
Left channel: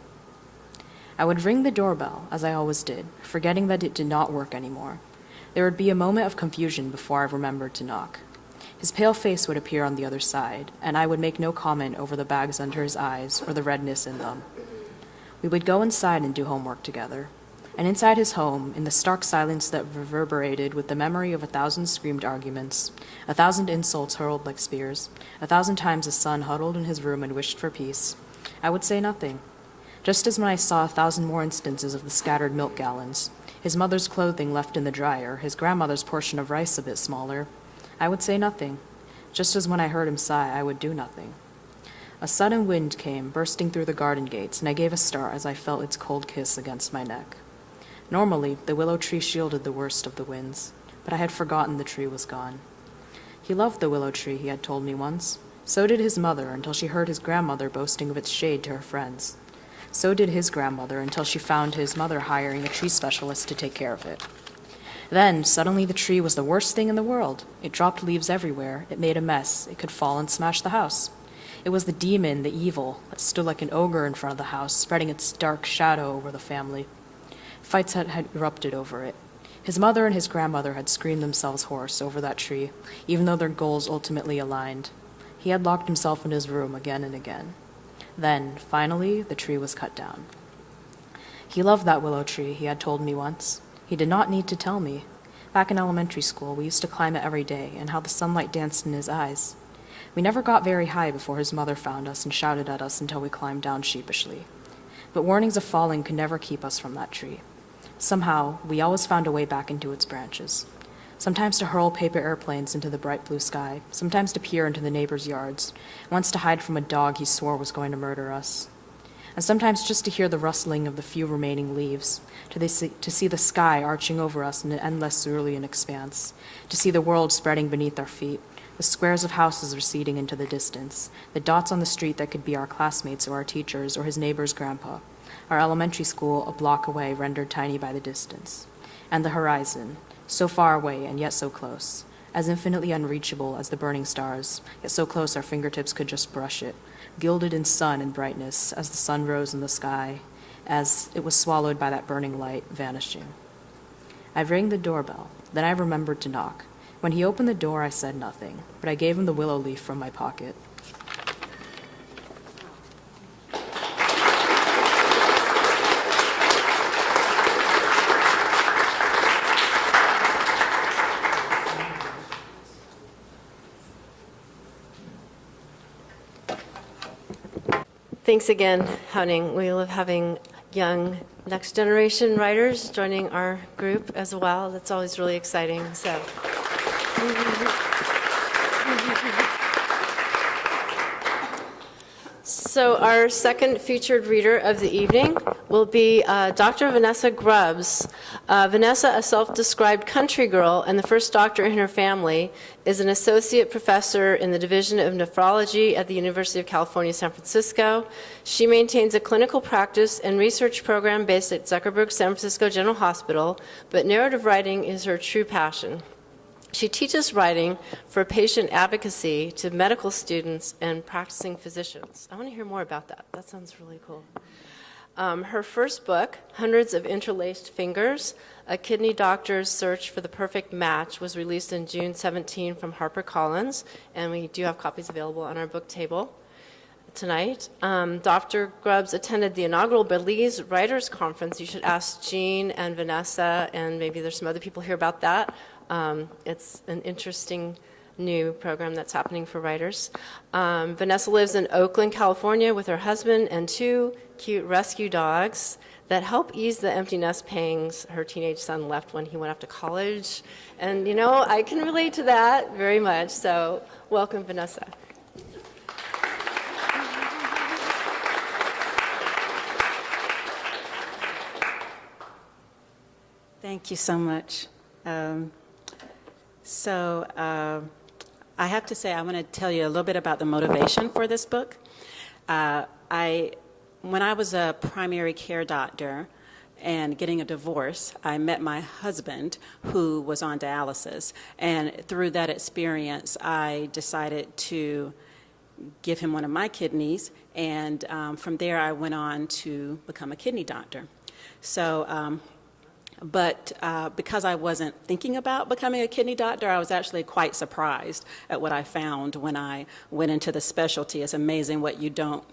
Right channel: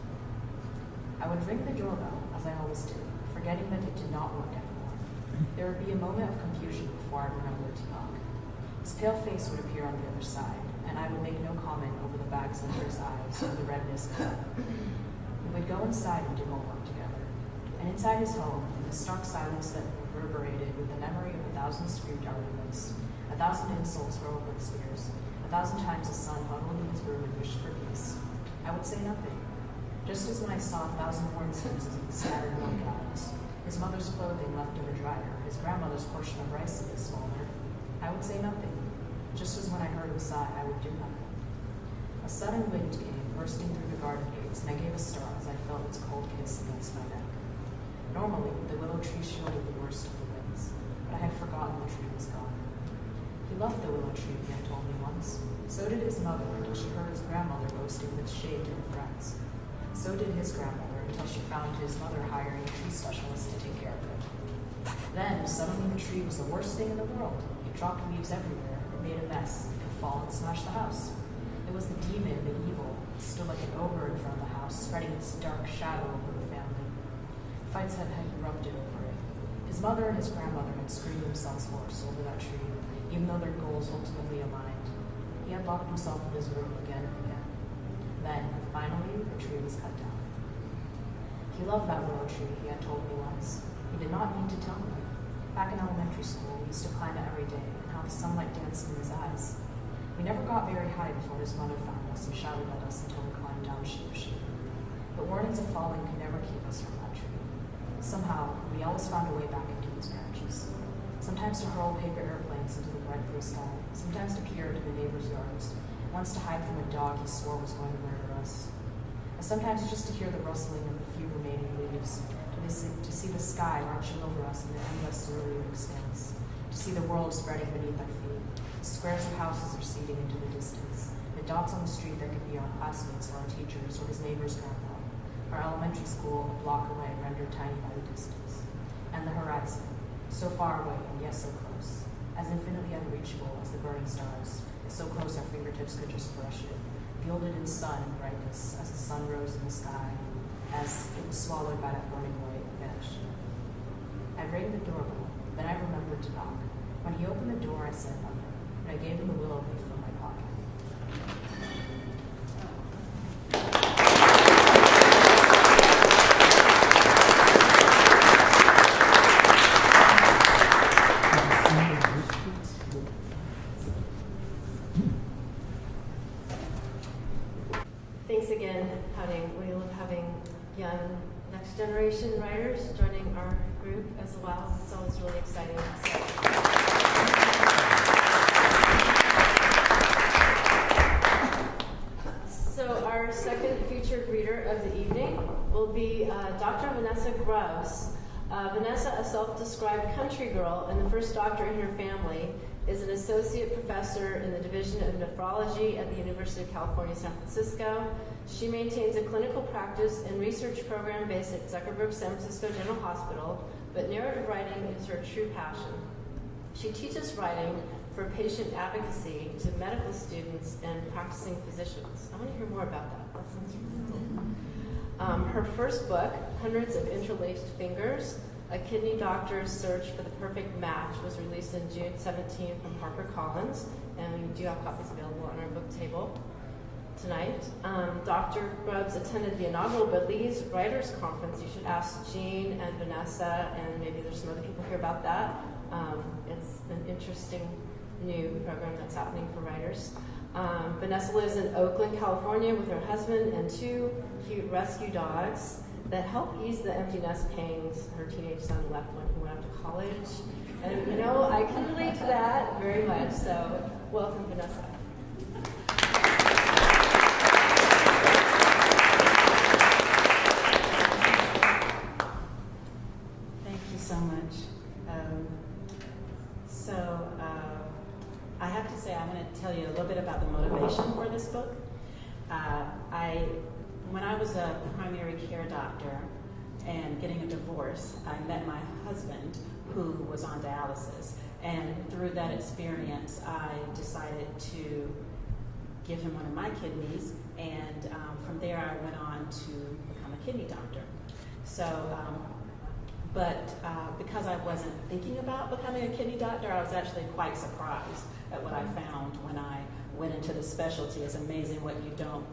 I would ring the doorbell, as I always did, forgetting that it did not work anymore. There would be a moment of confusion before I remembered to knock. His pale face would appear on the other side, and I would make no comment over the bags under his eyes or the redness in them. We would go inside and do homework together. And inside his home, in the stark silence that reverberated with the memory of 1,000 screamed arguments, 1,000 insults hurled like spears, 1,000 times a son huddled in his room and wished for peace, I would say nothing. Just as when I saw 1,000 more instances of the scattered milk gallons, his mother's clothing left in the dryer, his grandmother's portion of rice a bit smaller, I would say nothing. Just as when I heard him sigh, I would do nothing. A sudden wind came, bursting through the garden gates, and I gave a start as I felt its cold kiss against my neck. Normally, the willow tree shielded the worst of the winds, but I had forgotten the tree was gone. He loved the willow tree, he had told me once. So did his mother, until she heard his grandmother boasting of its shade to her friends. So did his grandmother, until she found his mother hiring a tree specialist to take care of it. Then, suddenly, the tree was the worst thing in the world. It dropped leaves everywhere. It made a mess. It could fall and smash the house. It was the demon, the evil, that stood like an ogre in front of the house, spreading its dark shadow over the family. Fights had erupted over it. His mother and his grandmother had screamed themselves hoarse over that tree, even though their goals ultimately aligned. He had locked himself in his room again and again. Then, finally, the tree was cut down. He loved that willow tree, he had told me once. He did not need to tell me. Back in elementary school, we used to climb it every day, and how the sunlight danced in his eyes. We never got very high before his mother found us and shouted at us until we climbed down sheepishly. But warnings of falling could never keep us from that tree. Somehow, we always found a way back into its branches. Sometimes to hurl paper airplanes into the bright blue sky, sometimes to peer into the neighbors' yards, once to hide from a dog he swore was going to murder us. And sometimes just to hear the rustling of the few remaining leaves, to see the sky arching over us in an endless cerulean expanse, to see the world spreading beneath our feet, the squares of houses receding into the distance, the dots on the street that could be our classmates or our teachers or his neighbor's grandpa, our elementary school a block away rendered tiny by the distance, and the horizon, so far away and yet so close, as infinitely unreachable as the burning stars, yet so close our fingertips could just brush it, gilded in sun and brightness as the sun rose in the sky, as it was swallowed by that burning light, vanishing. I rang the doorbell, then I remembered to knock. When he opened the door, I said nothing, but I gave him the willow leaf from my pocket. Thanks again, Haoning. We love having young next generation writers joining our group as well. That's always really exciting. So our second featured reader of the evening will be Dr. Vanessa Grubbs. Vanessa, a self-described country girl and the first doctor in her family, is an associate professor in the Division of Nephrology at the University of California, San Francisco. She maintains a clinical practice and research program based at Zuckerberg San Francisco General Hospital, but narrative writing is her true passion. She teaches writing for patient advocacy to medical students and practicing physicians. I want to hear more about that. That sounds really cool. Her first book, Hundreds of Interlaced Fingers, A Kidney Doctor's Search for the Perfect Match, was released in June 17 from HarperCollins, and we do have copies available on our book table tonight. Dr. Grubbs attended the inaugural Belize Writers Conference. You should ask Jean and Vanessa, and maybe there's some other people here about that. It's an interesting new program that's happening for writers. Vanessa lives in Oakland, California with her husband and two cute rescue dogs that help ease the empty nest pangs her teenage son left when he went off to college. And you know, I can relate to that very much, so welcome, Vanessa. Thank you so much. I have to say, I want to tell you a little bit about the motivation for this book. When I was a primary care doctor and getting a divorce, I met my husband who was on dialysis. And through that experience, I decided to give him one of my kidneys. And from there, I went on to become a kidney doctor. So, because I wasn't thinking about becoming a kidney doctor, I was actually quite surprised at what I found when I went into the specialty. It's amazing what you don't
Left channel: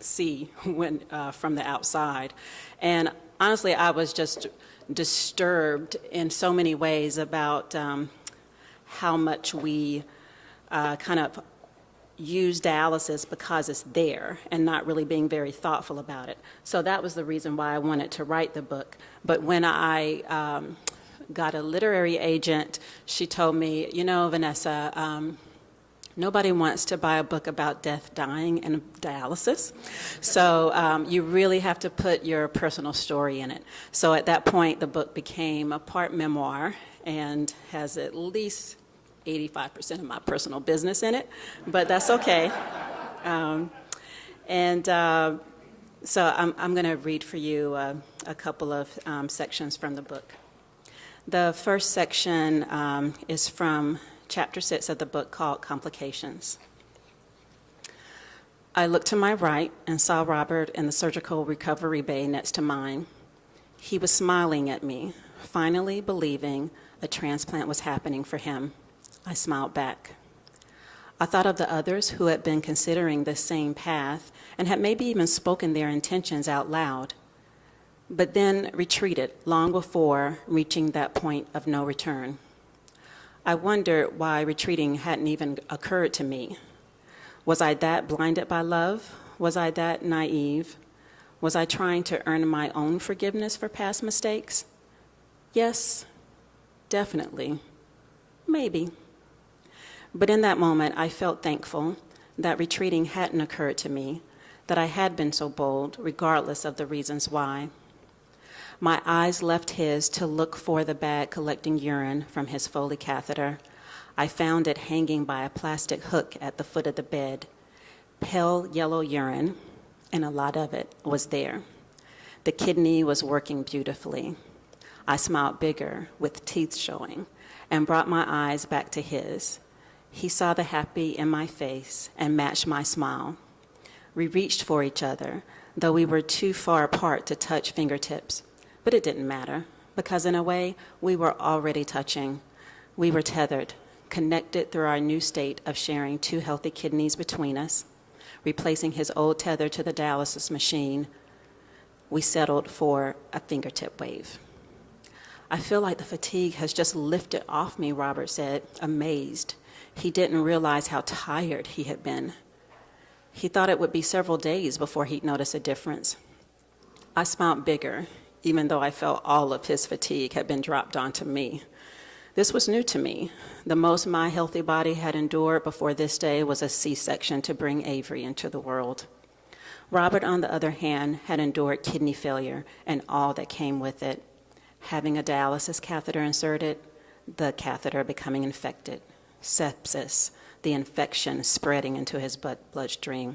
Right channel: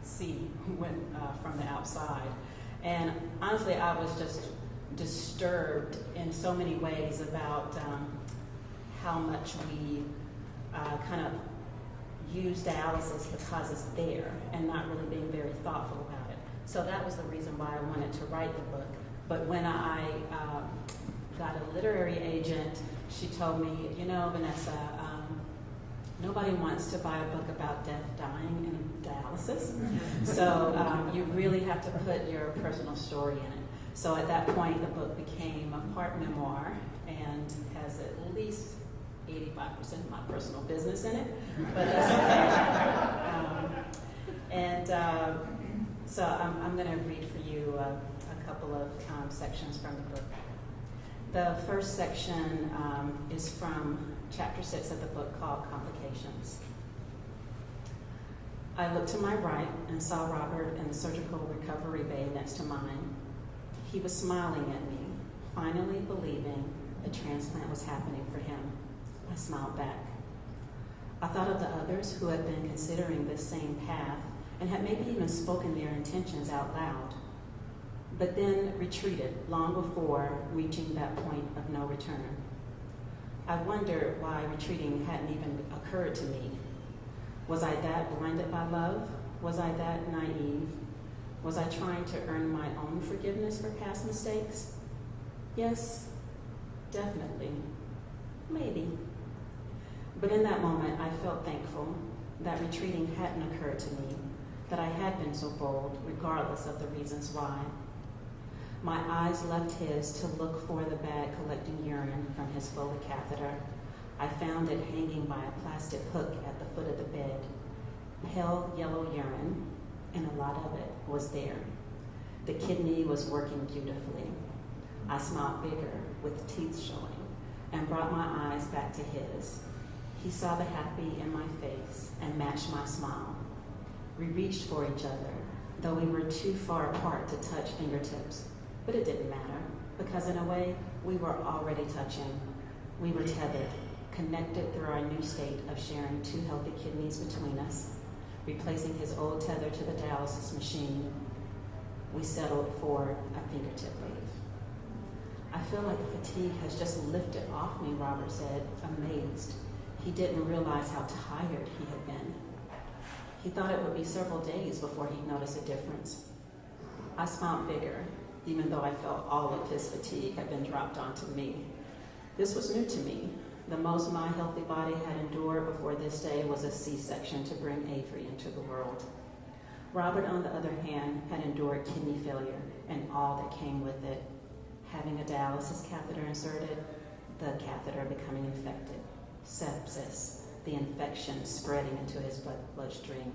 see when from the outside. And honestly, I was just disturbed in so many ways about how much we kind of use dialysis because it's there and not really being very thoughtful about it. So that was the reason why I wanted to write the book. But when I got a literary agent, she told me, you know, Vanessa, nobody wants to buy a book about death, dying, and dialysis. So you really have to put your personal story in it. So at that point, the book became a part memoir and has at least 85% of my personal business in it, but that's okay. So I'm going to read for you a couple of sections from the book. The first section is from Chapter 6 of the book called Complications. I looked to my right and saw Robert in the surgical recovery bay next to mine. He was smiling at me, finally believing a transplant was happening for him. I smiled back. I thought of the others who had been considering this same path and had maybe even spoken their intentions out loud, but then retreated long before reaching that point of no return. I wondered why retreating hadn't even occurred to me. Was I that blinded by love? Was I that naive? Was I trying to earn my own forgiveness for past mistakes? Yes, definitely, maybe. But in that moment, I felt thankful that retreating hadn't occurred to me, that I had been so bold, regardless of the reasons why. My eyes left his to look for the bag collecting urine from his Foley catheter. I found it hanging by a plastic hook at the foot of the bed. Pale yellow urine, and a lot of it was there. The kidney was working beautifully. I smiled bigger, with teeth showing, and brought my eyes back to his. He saw the happy in my face and matched my smile. We reached for each other, though we were too far apart to touch fingertips. But it didn't matter, because in a way, we were already touching. We were tethered, connected through our new state of sharing 2 healthy kidneys between us, replacing his old tether to the dialysis machine. We settled for a fingertip wave. I feel like the fatigue has just lifted off me, Robert said, amazed. He didn't realize how tired he had been. He thought it would be several days before he'd notice a difference. I smiled bigger, even though I felt all of his fatigue had been dropped onto me. This was new to me. The most my healthy body had endured before this day was a C-section to bring Avery into the world. Robert, on the other hand, had endured kidney failure and all that came with it. Having a dialysis catheter inserted, the catheter becoming infected, sepsis, the infection spreading into his bloodstream,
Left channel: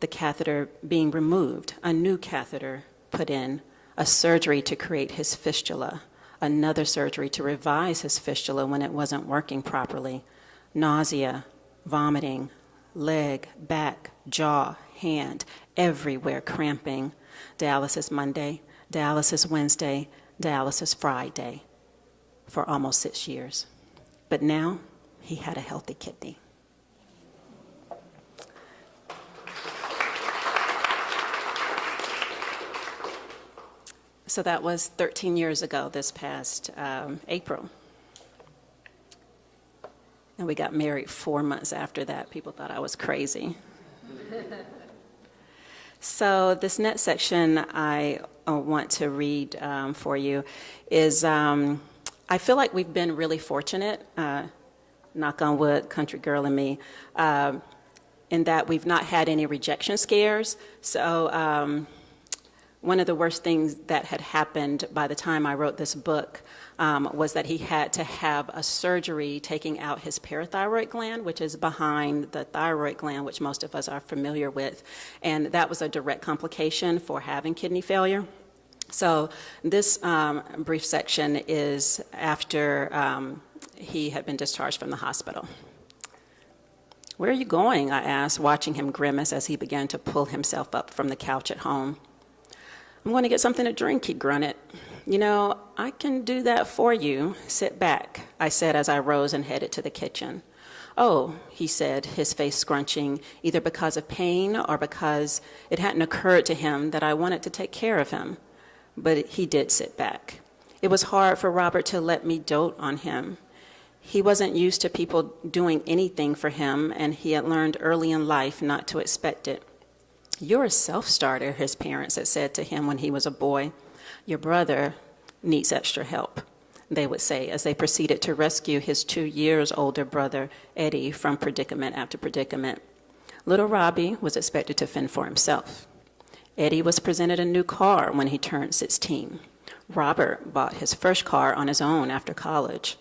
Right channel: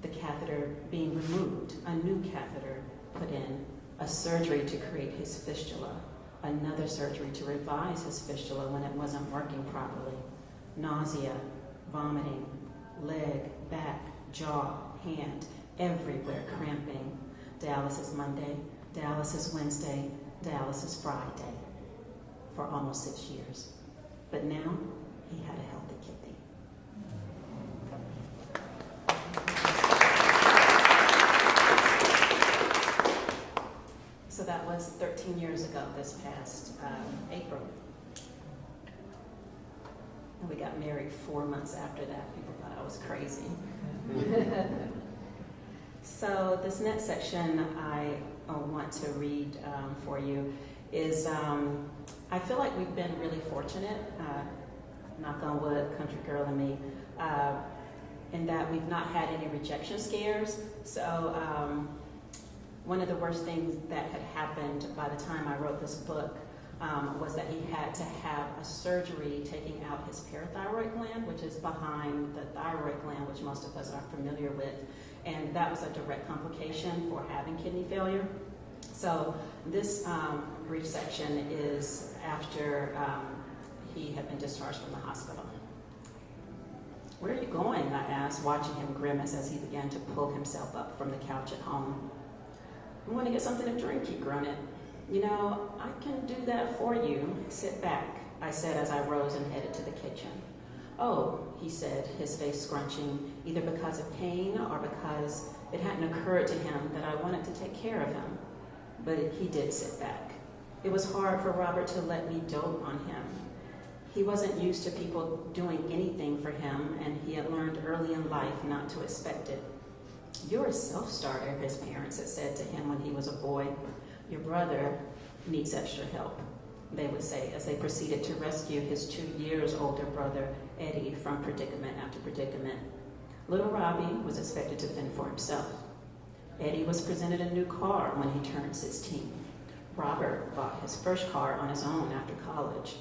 the catheter being removed, a new catheter put in, a surgery to create his fistula, another surgery to revise his fistula when it wasn't working properly, nausea, vomiting, leg, back, jaw, hand, everywhere cramping, dialysis Monday, dialysis Wednesday, dialysis Friday, for almost 6 years. But now, he had a healthy kidney. So that was 13 years ago, this past April. And we got married 4 months after that. People thought I was crazy. So this next section I want to read for you is, I feel like we've been really fortunate, knock on wood, country girl and me, in that we've not had any rejection scares. So one of the worst things that had happened by the time I wrote this book was that he had to have a surgery taking out his parathyroid gland, which is behind the thyroid gland, which most of us are familiar with. And that was a direct complication for having kidney failure. So this brief section is after he had been discharged from the hospital. "Where are you going?" I asked, watching him grimace as he began to pull himself up from the couch at home. "I'm going to get something to drink," he grunted. "You know, I can do that for you. Sit back," I said as I rose and headed to the kitchen. "Oh," he said, his face scrunching, either because of pain or because it hadn't occurred to him that I wanted to take care of him. But he did sit back. It was hard for Robert to let me dote on him. He wasn't used to people doing anything for him, and he had learned early in life not to expect it. "You're a self-starter," his parents had said to him when he was a boy. "Your brother needs extra help," they would say as they proceeded to rescue his 2 years older brother, Eddie, from predicament after predicament. Little Robbie was expected to fend for himself. Eddie was presented a new car when he turned 16. Robert bought his first car on his own after college.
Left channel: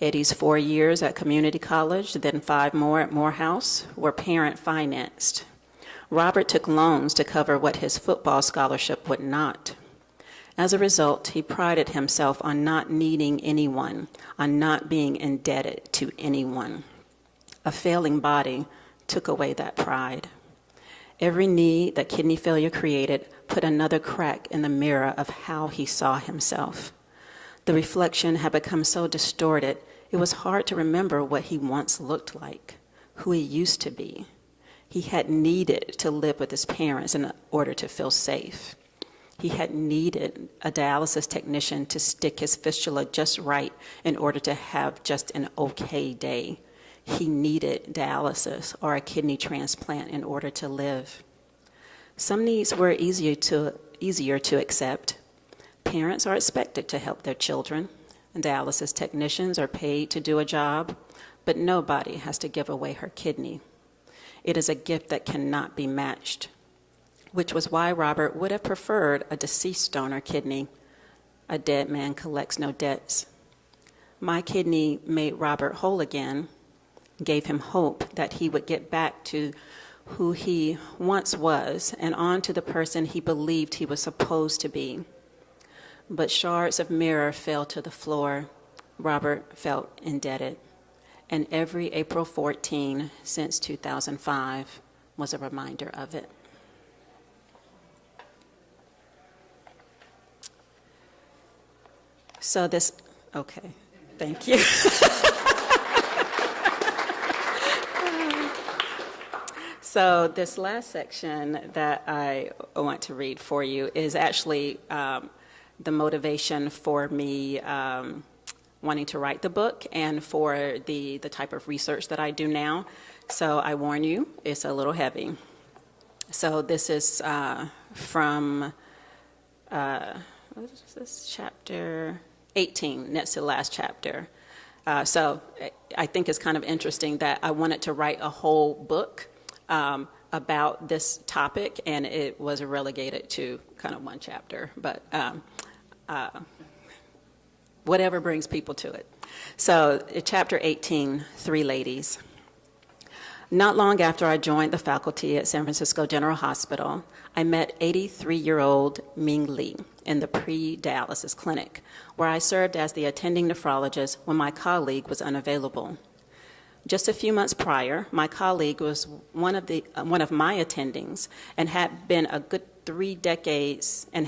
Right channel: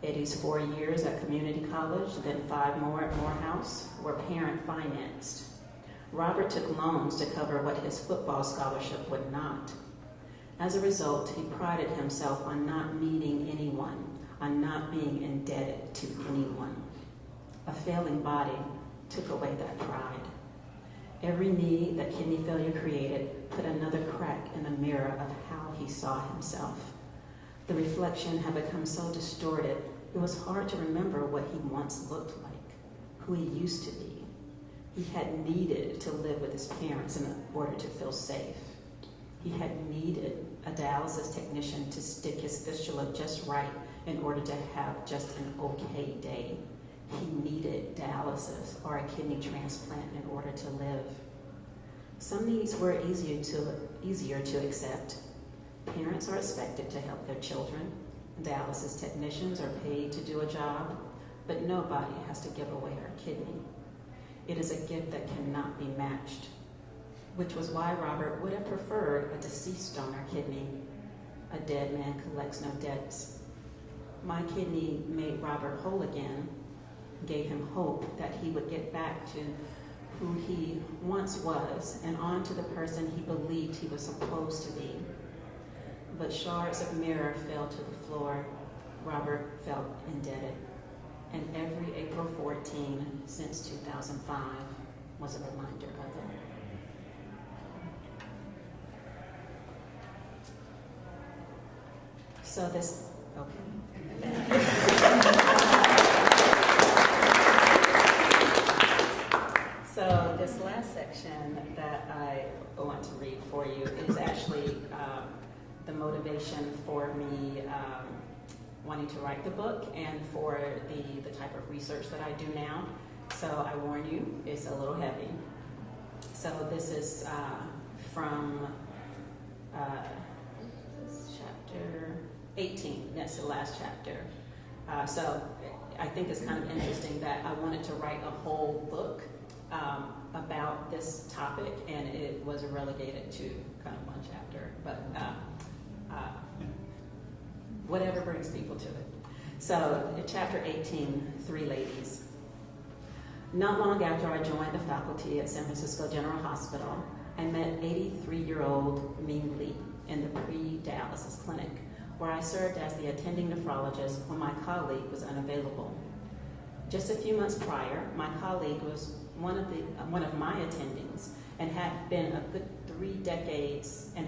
Eddie's 4 years at community college, then 5 more at Morehouse, were parent-financed. Robert took loans to cover what his football scholarship would not. As a result, he prided himself on not needing anyone, on not being indebted to anyone. A failing body took away that pride. Every need that kidney failure created put another crack in the mirror of how he saw himself. The reflection had become so distorted, it was hard to remember what he once looked like, who he used to be. He had needed to live with his parents in order to feel safe. He had needed a dialysis technician to stick his fistula just right in order to have just an okay day. He needed dialysis or a kidney transplant in order to live. Some needs were easier to accept. Parents are expected to help their children, and dialysis technicians are paid to do a job, but nobody has to give away her kidney. It is a gift that cannot be matched, which was why Robert would have preferred a deceased donor kidney. A dead man collects no debts. My kidney made Robert whole again, gave him hope that he would get back to who he once was and on to the person he believed he was supposed to be. But shards of mirror fell to the floor. Robert felt indebted. And every April 14 since 2005 was a reminder of it. So this, okay, thank you. So this last section that I want to read for you is actually the motivation for me wanting to write the book and for the type of research that I do now. So I warn you, it's a little heavy. So this is from, what is this, chapter 18, next to the last chapter. So I think it's kind of interesting that I wanted to write a whole book about this topic, and it was relegated to kind of one chapter, but whatever brings people to it. So chapter 18, 3 ladies. Not long after I joined the faculty at San Francisco General Hospital, I met 83-year-old Ming Li in the pre-dialysis clinic, where I served as the attending nephrologist when my colleague was unavailable. Just a few months prior, my colleague was one of my attendings and had been a good 3 decades of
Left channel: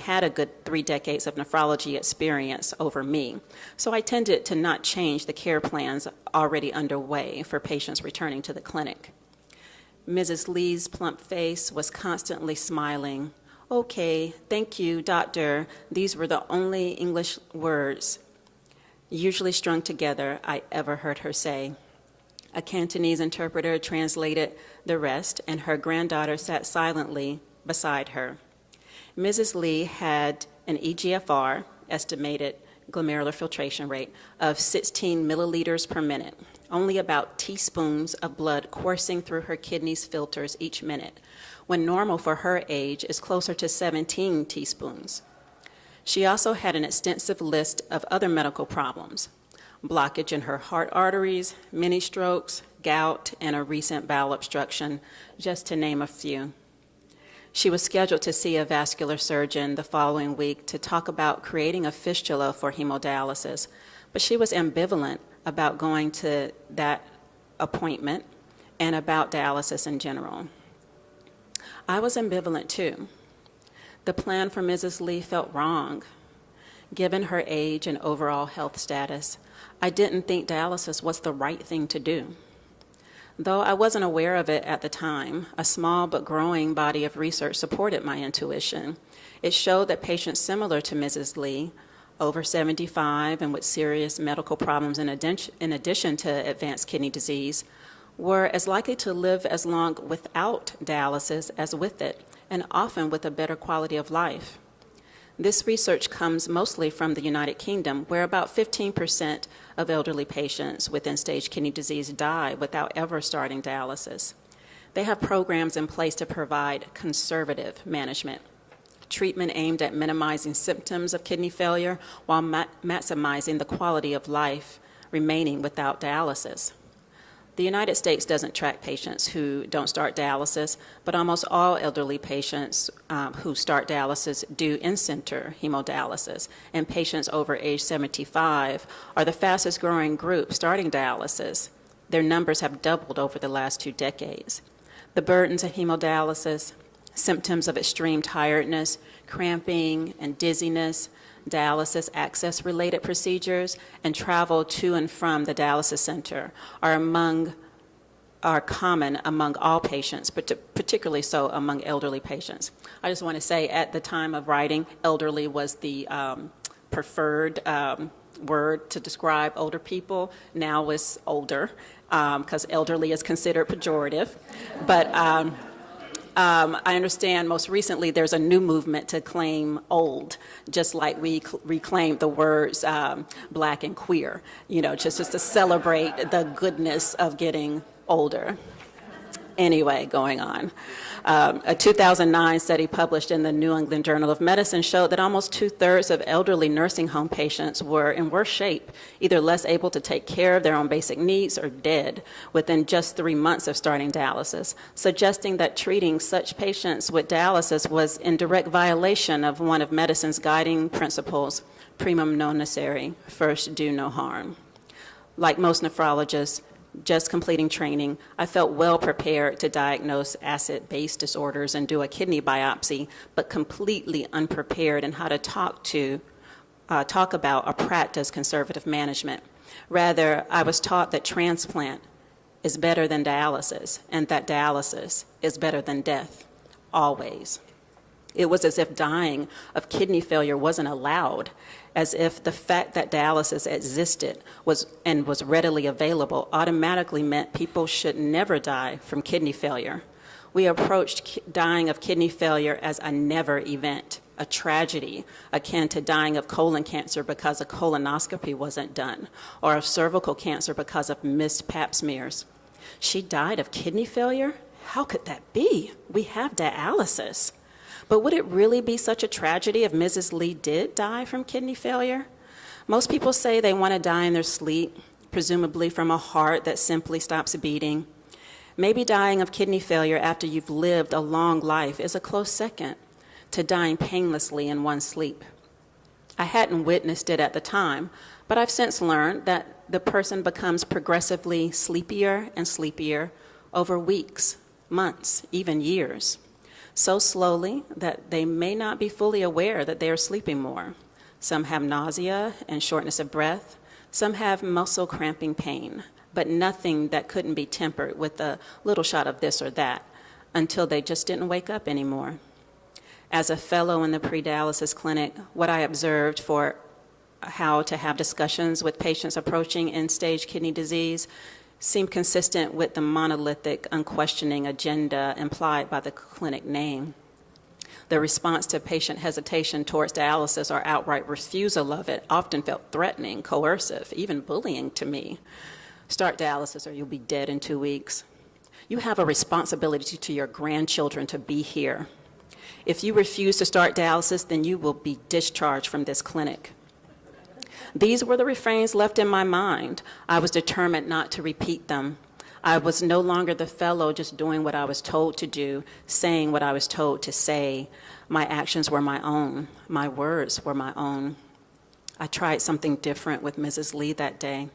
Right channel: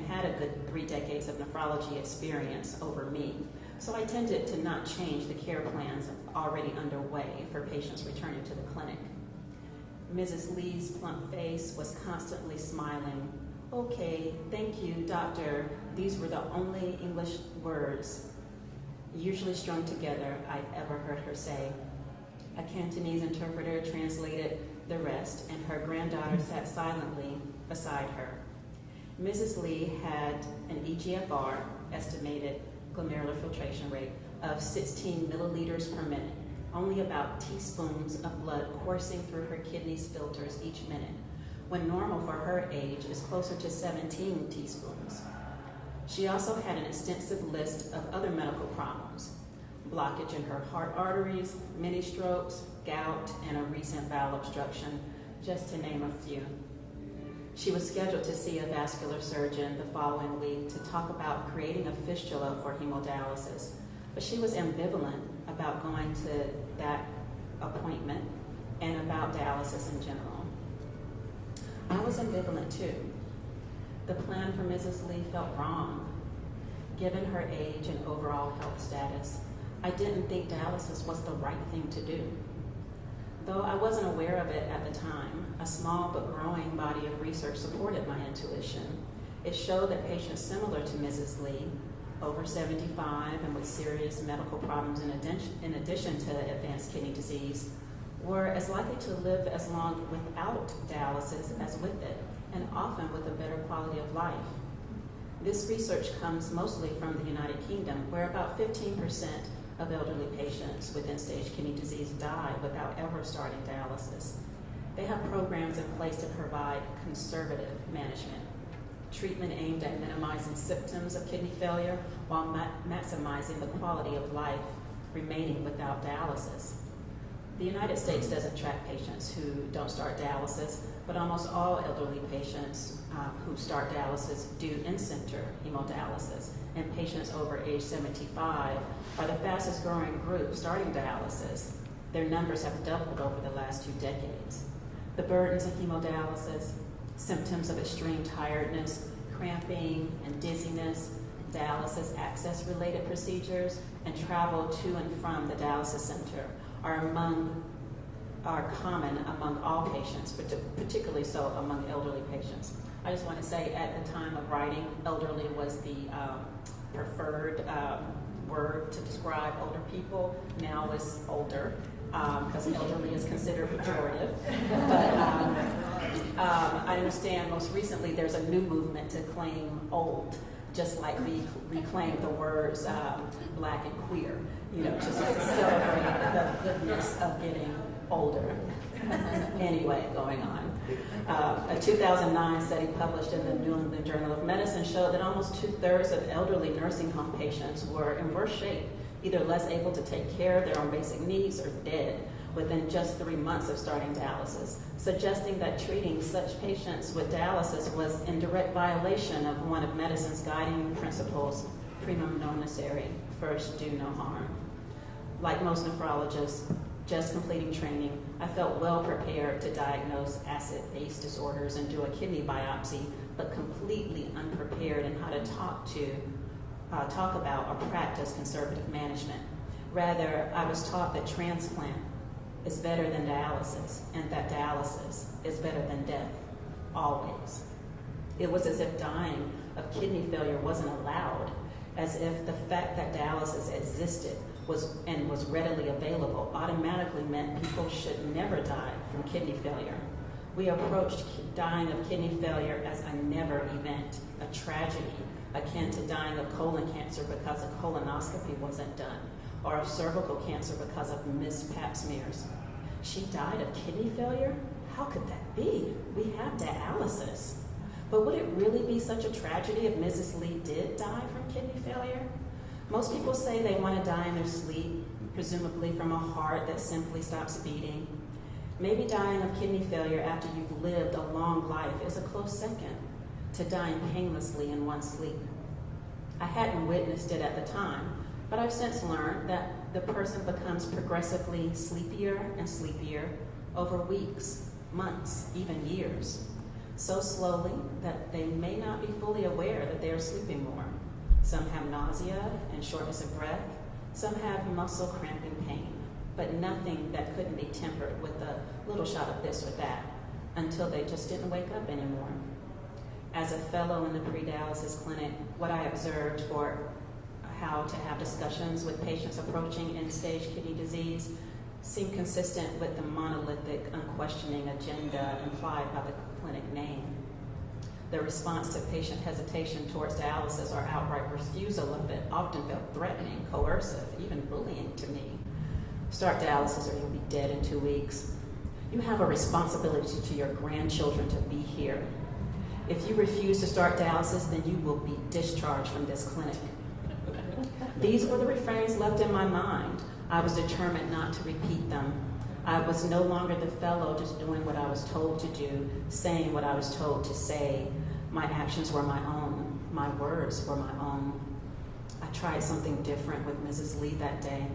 nephrology experience over me. So I tended to not change the care plans already underway for patients returning to the clinic. Mrs. Lee's plump face was constantly smiling. "Okay, thank you, doctor." These were the only English words, usually strung together, I ever heard her say. A Cantonese interpreter translated the rest, and her granddaughter sat silently beside her. Mrs. Lee had an EGFR, estimated glomerular filtration rate, of 16 milliliters per minute, only about teaspoons of blood coursing through her kidneys' filters each minute, when normal for her age is closer to 17 teaspoons. She also had an extensive list of other medical problems: blockage in her heart arteries, mini strokes, gout, and a recent bowel obstruction, just to name a few. She was scheduled to see a vascular surgeon the following week to talk about creating a fistula for hemodialysis, but she was ambivalent about going to that appointment and about dialysis in general. I was ambivalent too. The plan for Mrs. Lee felt wrong. Given her age and overall health status, I didn't think dialysis was the right thing to do. Though I wasn't aware of it at the time, a small but growing body of research supported my intuition. It showed that patients similar to Mrs. Lee, over 75 and with serious medical problems in addition to advanced kidney disease, were as likely to live as long without dialysis as with it, and often with a better quality of life. This research comes mostly from the United Kingdom, where about 15% of elderly patients with end-stage kidney disease die without ever starting dialysis. They have programs in place to provide conservative management, treatment aimed at minimizing symptoms of kidney failure while maximizing the quality of life remaining without dialysis. The United States doesn't track patients who don't start dialysis, but almost all elderly patients who start dialysis do in-center hemodialysis, and patients over age 75 are the fastest growing group starting dialysis. Their numbers have doubled over the last 2 decades. The burdens of hemodialysis, symptoms of extreme tiredness, cramping and dizziness, dialysis access-related procedures, and travel to and from the dialysis center are common among all patients, but particularly so among elderly patients. I just want to say, at the time of writing, elderly was the preferred word to describe older people. Now it's older, because elderly is considered pejorative. But I understand most recently there's a new movement to claim old, just like we reclaimed the words black and queer, just to celebrate the goodness of getting older. Anyway, going on. A 2009 study published in the New England Journal of Medicine showed that almost 2/3 of elderly nursing home patients were in worse shape, either less able to take care of their own basic needs or dead within just 3 months of starting dialysis, suggesting that treating such patients with dialysis was in direct violation of one of medicine's guiding principles, primum non nocere, first do no harm. Like most nephrologists, just completing training, I felt well prepared to diagnose acid-base disorders and do a kidney biopsy, but completely unprepared in how to talk about or practice conservative management. Rather, I was taught that transplant is better than dialysis, and that dialysis is better than death, always. It was as if dying of kidney failure wasn't allowed, as if the fact that dialysis existed was readily available automatically meant people should never die from kidney failure. We approached dying of kidney failure as a never event, a tragedy akin to dying of colon cancer because a colonoscopy wasn't done, or of cervical cancer because of missed pap smears. She died of kidney failure? How could that be? We have dialysis. But would it really be such a tragedy if Mrs. Lee did die from kidney failure? Most people say they want to die in their sleep, presumably from a heart that simply stops beating. Maybe dying of kidney failure after you've lived a long life is a close second to dying painlessly in one's sleep. I hadn't witnessed it at the time, but I've since learned that the person becomes progressively sleepier and sleepier over weeks, months, even years. So slowly that they may not be fully aware that they are sleeping more. Some have nausea and shortness of breath. Some have muscle cramping pain, but nothing that couldn't be tempered with a little shot of this or that until they just didn't wake up anymore. As a fellow in the pre-dialysis clinic, what I observed for how to have discussions with patients approaching end-stage kidney disease seemed consistent with the monolithic, unquestioning agenda implied by the clinic name. The response to patient hesitation towards dialysis or outright refusal of it often felt threatening, coercive, even bullying to me. Start dialysis or you'll be dead in 2 weeks. You have a responsibility to your grandchildren to be here. If you refuse to start dialysis, then you will be discharged from this clinic. These were the refrains left in my mind. I was determined not to repeat them. I was no longer the fellow just doing what I was told to do, saying what I was told to say. My actions were my own. My words were my own. I tried something different with Mrs. Lee that day.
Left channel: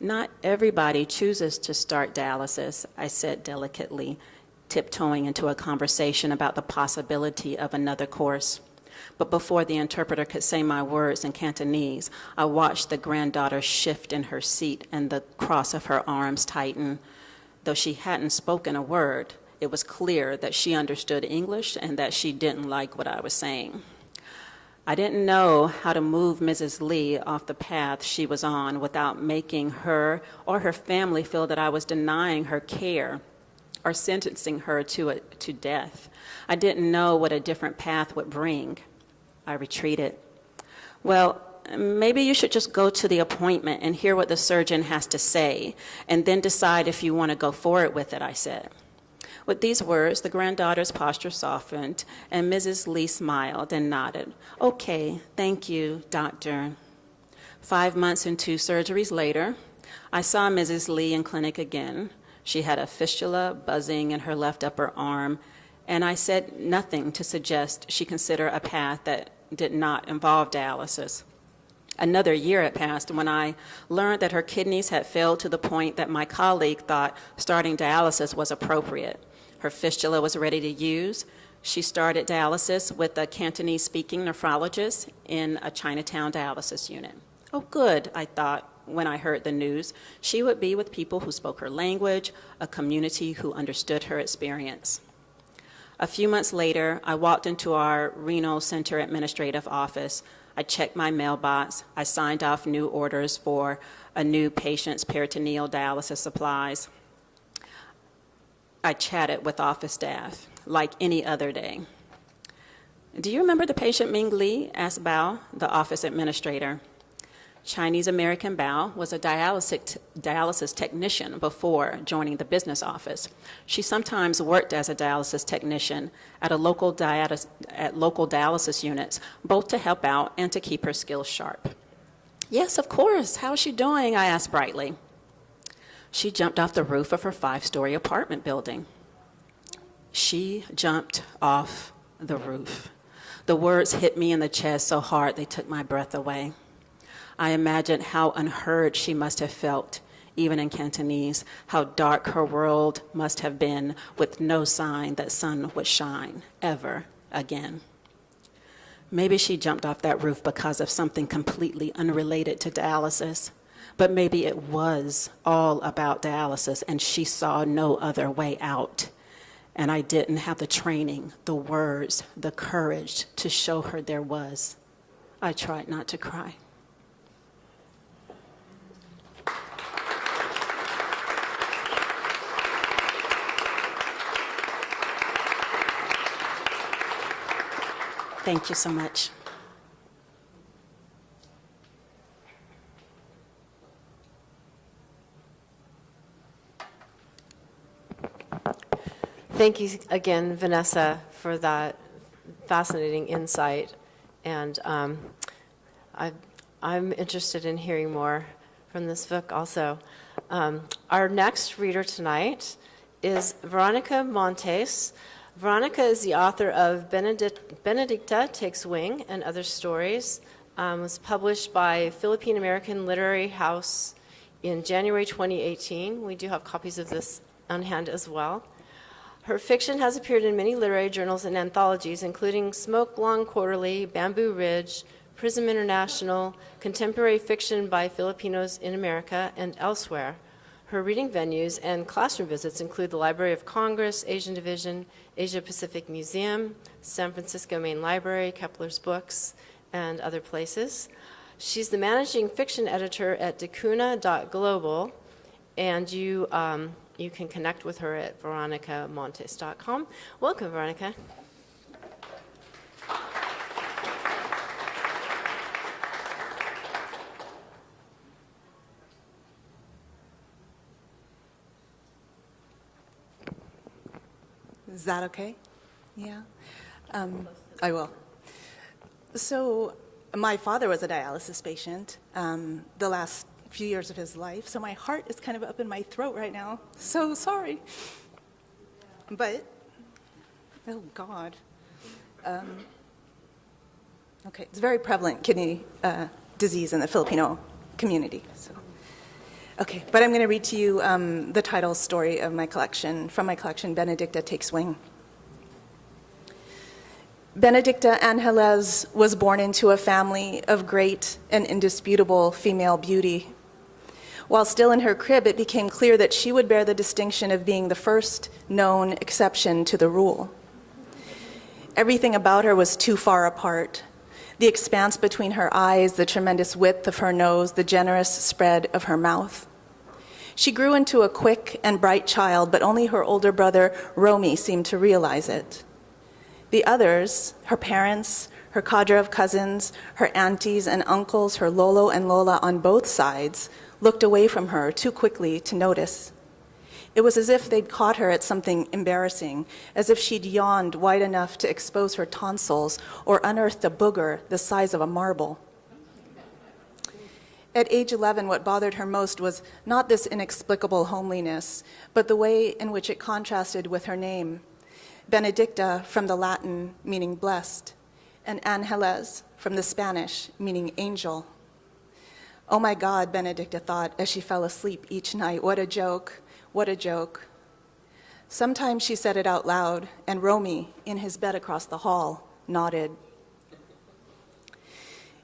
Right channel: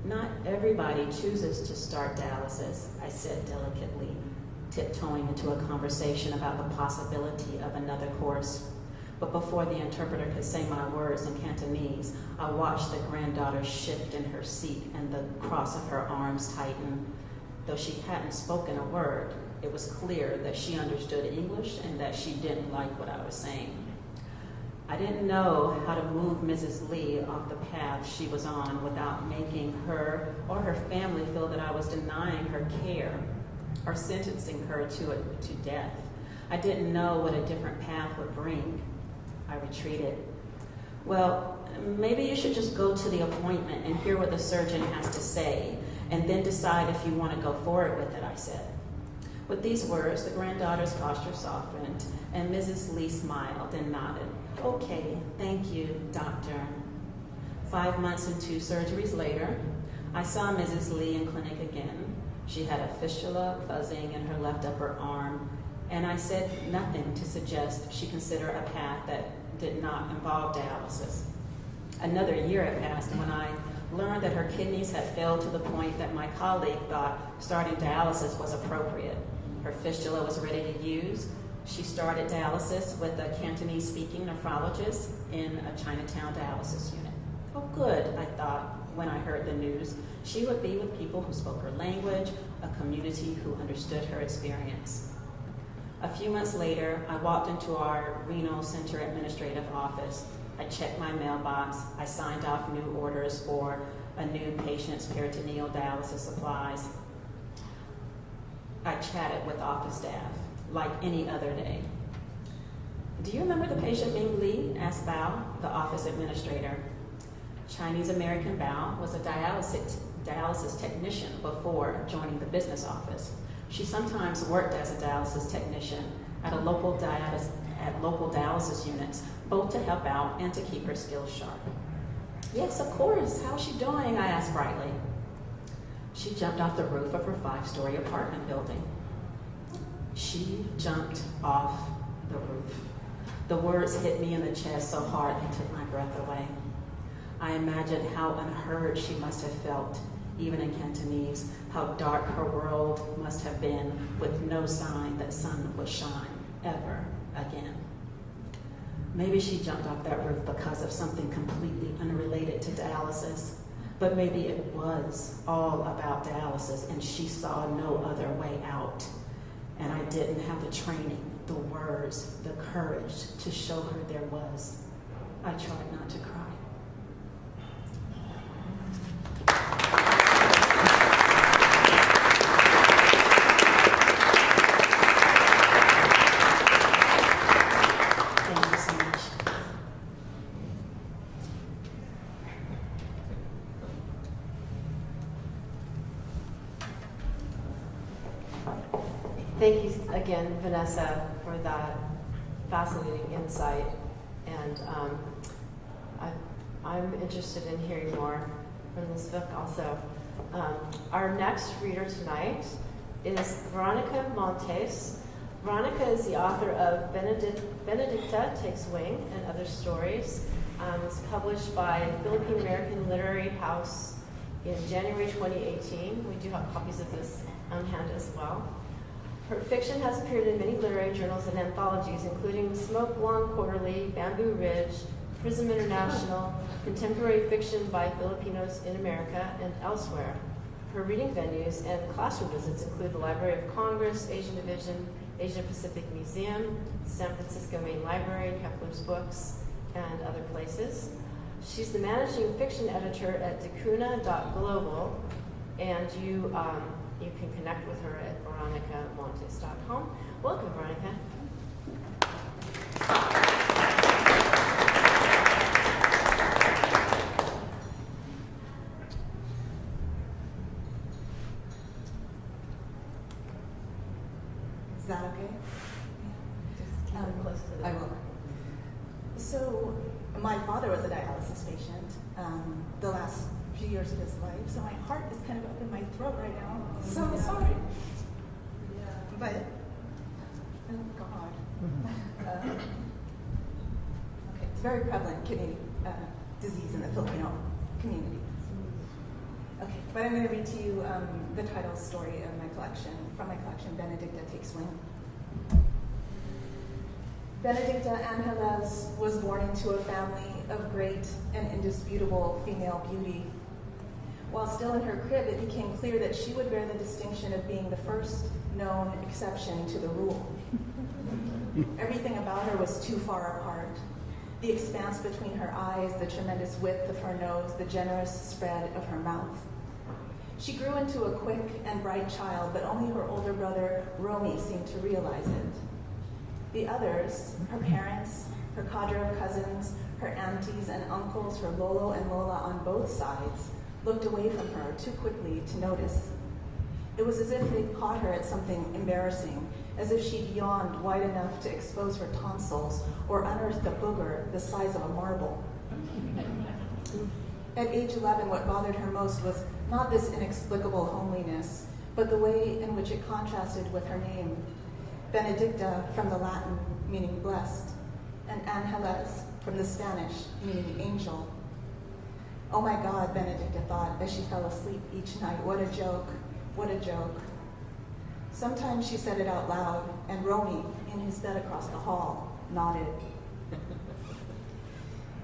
Not everybody chooses to start dialysis, I said delicately, tiptoeing into a conversation about the possibility of another course. But before the interpreter could say my words in Cantonese, I watched the granddaughter shift in her seat and the cross of her arms tighten. Though she hadn't spoken a word, it was clear that she understood English and that she didn't like what I was saying. I didn't know how to move Mrs. Lee off the path she was on without making her or her family feel that I was denying her care or sentencing her to death. I didn't know what a different path would bring. I retreated. Well, maybe you should just go to the appointment and hear what the surgeon has to say, and then decide if you want to go forward with it, I said. With these words, the granddaughter's posture softened, and Mrs. Lee smiled and nodded. Okay, thank you, doctor. 5 months and 2 surgeries later, I saw Mrs. Lee in clinic again. She had a fistula buzzing in her left upper arm, and I said nothing to suggest she consider a path that did not involve dialysis. Another year had passed when I learned that her kidneys had failed to the point that my colleague thought starting dialysis was appropriate. Her fistula was ready to use. She started dialysis with a Cantonese-speaking nephrologist in a Chinatown dialysis unit. Oh, good, I thought when I heard the news. She would be with people who spoke her language, a community who understood her experience. A few months later, I walked into our Reno Center administrative office. I checked my mailbox. I signed off new orders for a new patient's peritoneal dialysis supplies. I chatted with office staff like any other day. Do you remember the patient Ming Li? Asked Bao, the office administrator. Chinese-American Bao was a dialysis technician before joining the business office. She sometimes worked as a dialysis technician at local dialysis units, both to help out and to keep her skills sharp. Yes, of course. How's she doing? I asked brightly. She jumped off the roof of her 5-story apartment building. She jumped off the roof. The words hit me in the chest so hard they took my breath away. I imagined how unheard she must have felt, even in Cantonese, how dark her world must have been with no sign that sun would shine ever again. Maybe she jumped off that roof because of something completely unrelated to dialysis, but maybe it was all about dialysis and she saw no other way out. And I didn't have the training, the words, the courage to show her there was. I tried not to cry. Thank you so much. Thank you again, Vanessa, for that fascinating insight. And I'm interested in hearing more from this book also. Our next reader tonight is Veronica Montes. Veronica is the author of Benedicta Takes Wing and Other Stories. It was published by Philippine American Literary House in January 2018. We do have copies of this on hand as well. Her fiction has appeared in many literary journals and anthologies, including Smoke Blonde Quarterly, Bamboo Ridge, Prism International, Contemporary Fiction by Filipinos in America, and elsewhere. Her reading venues and classroom visits include the Library of Congress, Asian Division, Asia Pacific Museum, San Francisco Main Library, Kepler's Books, and other places. She's the managing fiction editor at dacuna.global, and you can connect with her at veronicamontes.com. Welcome, Veronica. Is that okay? Yeah. I will. So, my father was a dialysis patient the last few years of his life, so my heart is kind of up in my throat right now. So sorry. But, oh God. Okay, it's a very prevalent kidney disease in the Filipino community. So. Okay, but I'm going to read to you the title story of my collection, from my collection, Benedicta Takes Wing. Benedicta Angeles was born into a family of great and indisputable female beauty. While still in her crib, it became clear that she would bear the distinction of being the first known exception to the rule. Everything about her was too far apart. The expanse between her eyes, the tremendous width of her nose, the generous spread of her mouth. She grew into a quick and bright child, but only her older brother, Romy, seemed to realize it. The others, her parents, her cadre of cousins, her aunties and uncles, her Lolo and Lola on both sides, looked away from her too quickly to notice. It was as if they'd caught her at something embarrassing, as if she'd yawned wide enough to expose her tonsils or unearthed a booger the size of a marble. At age 11, what bothered her most was not this inexplicable homeliness, but the way in which it contrasted with her name. Benedicta from the Latin meaning blessed, and Angeles from the Spanish meaning angel. Oh my God, Benedicta thought as she fell asleep each night, what a joke, what a joke. Sometimes she said it out loud, and Romy, in his bed across the hall, nodded.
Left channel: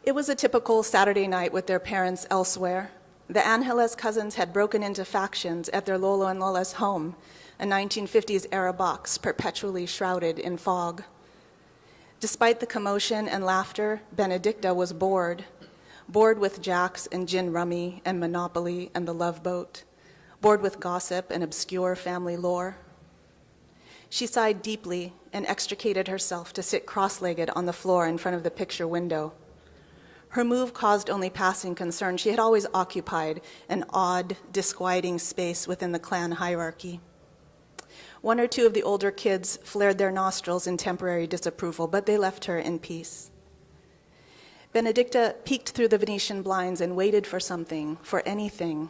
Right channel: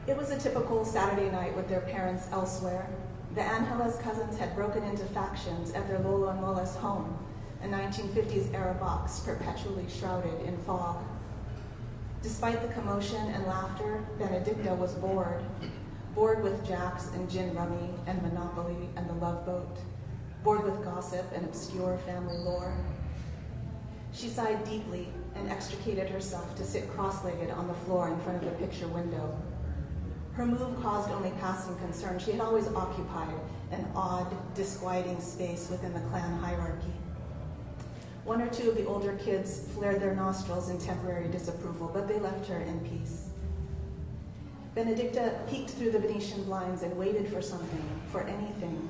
It was a typical Saturday night with their parents elsewhere. The Angeles cousins had broken into factions at their Lolo and Lola's home, a 1950s-era box perpetually shrouded in fog. Despite the commotion and laughter, Benedicta was bored with jacks and gin rummy and Monopoly and the Love Boat, bored with gossip and obscure family lore. She sighed deeply and extricated herself to sit cross-legged on the floor in front of the picture window. Her move caused only passing concern. She had always occupied an odd, disquieting space within the clan hierarchy. One or two of the older kids flared their nostrils in temporary disapproval, but they left her in peace. Benedicta peeked through the Venetian blinds and waited for something, for anything.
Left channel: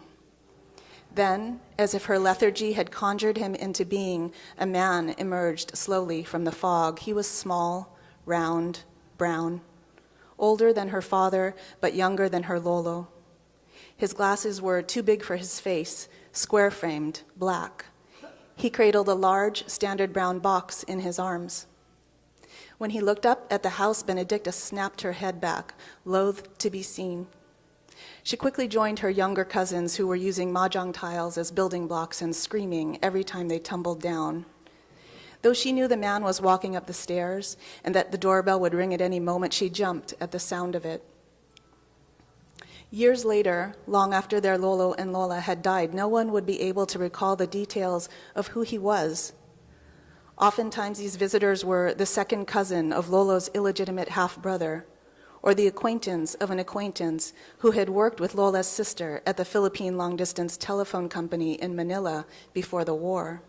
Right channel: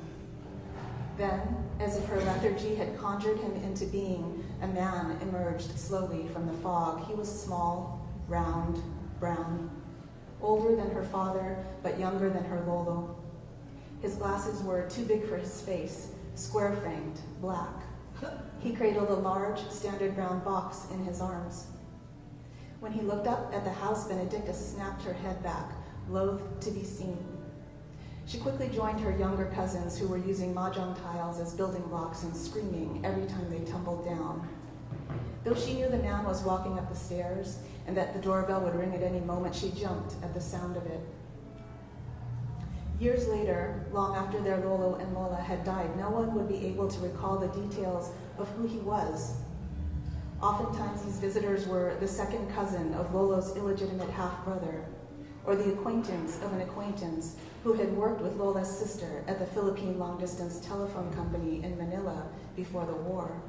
Then, as if her lethargy had conjured him into being, a man emerged slowly from the fog. He was small, round, brown, older than her father, but younger than her Lolo. His glasses were too big for his face, square-framed, black. He cradled a large, standard brown box in his arms. When he looked up at the house, Benedicta snapped her head back, loath to be seen. She quickly joined her younger cousins who were using mahjong tiles as building blocks and screaming every time they tumbled down. Though she knew the man was walking up the stairs and that the doorbell would ring at any moment, she jumped at the sound of it. Years later, long after their Lolo and Lola had died, no one would be able to recall the details of who he was. Oftentimes, these visitors were the second cousin of Lolo's illegitimate half-brother, or the acquaintance of an acquaintance who had worked with Lola's sister at the Philippine long-distance telephone company in Manila before the war.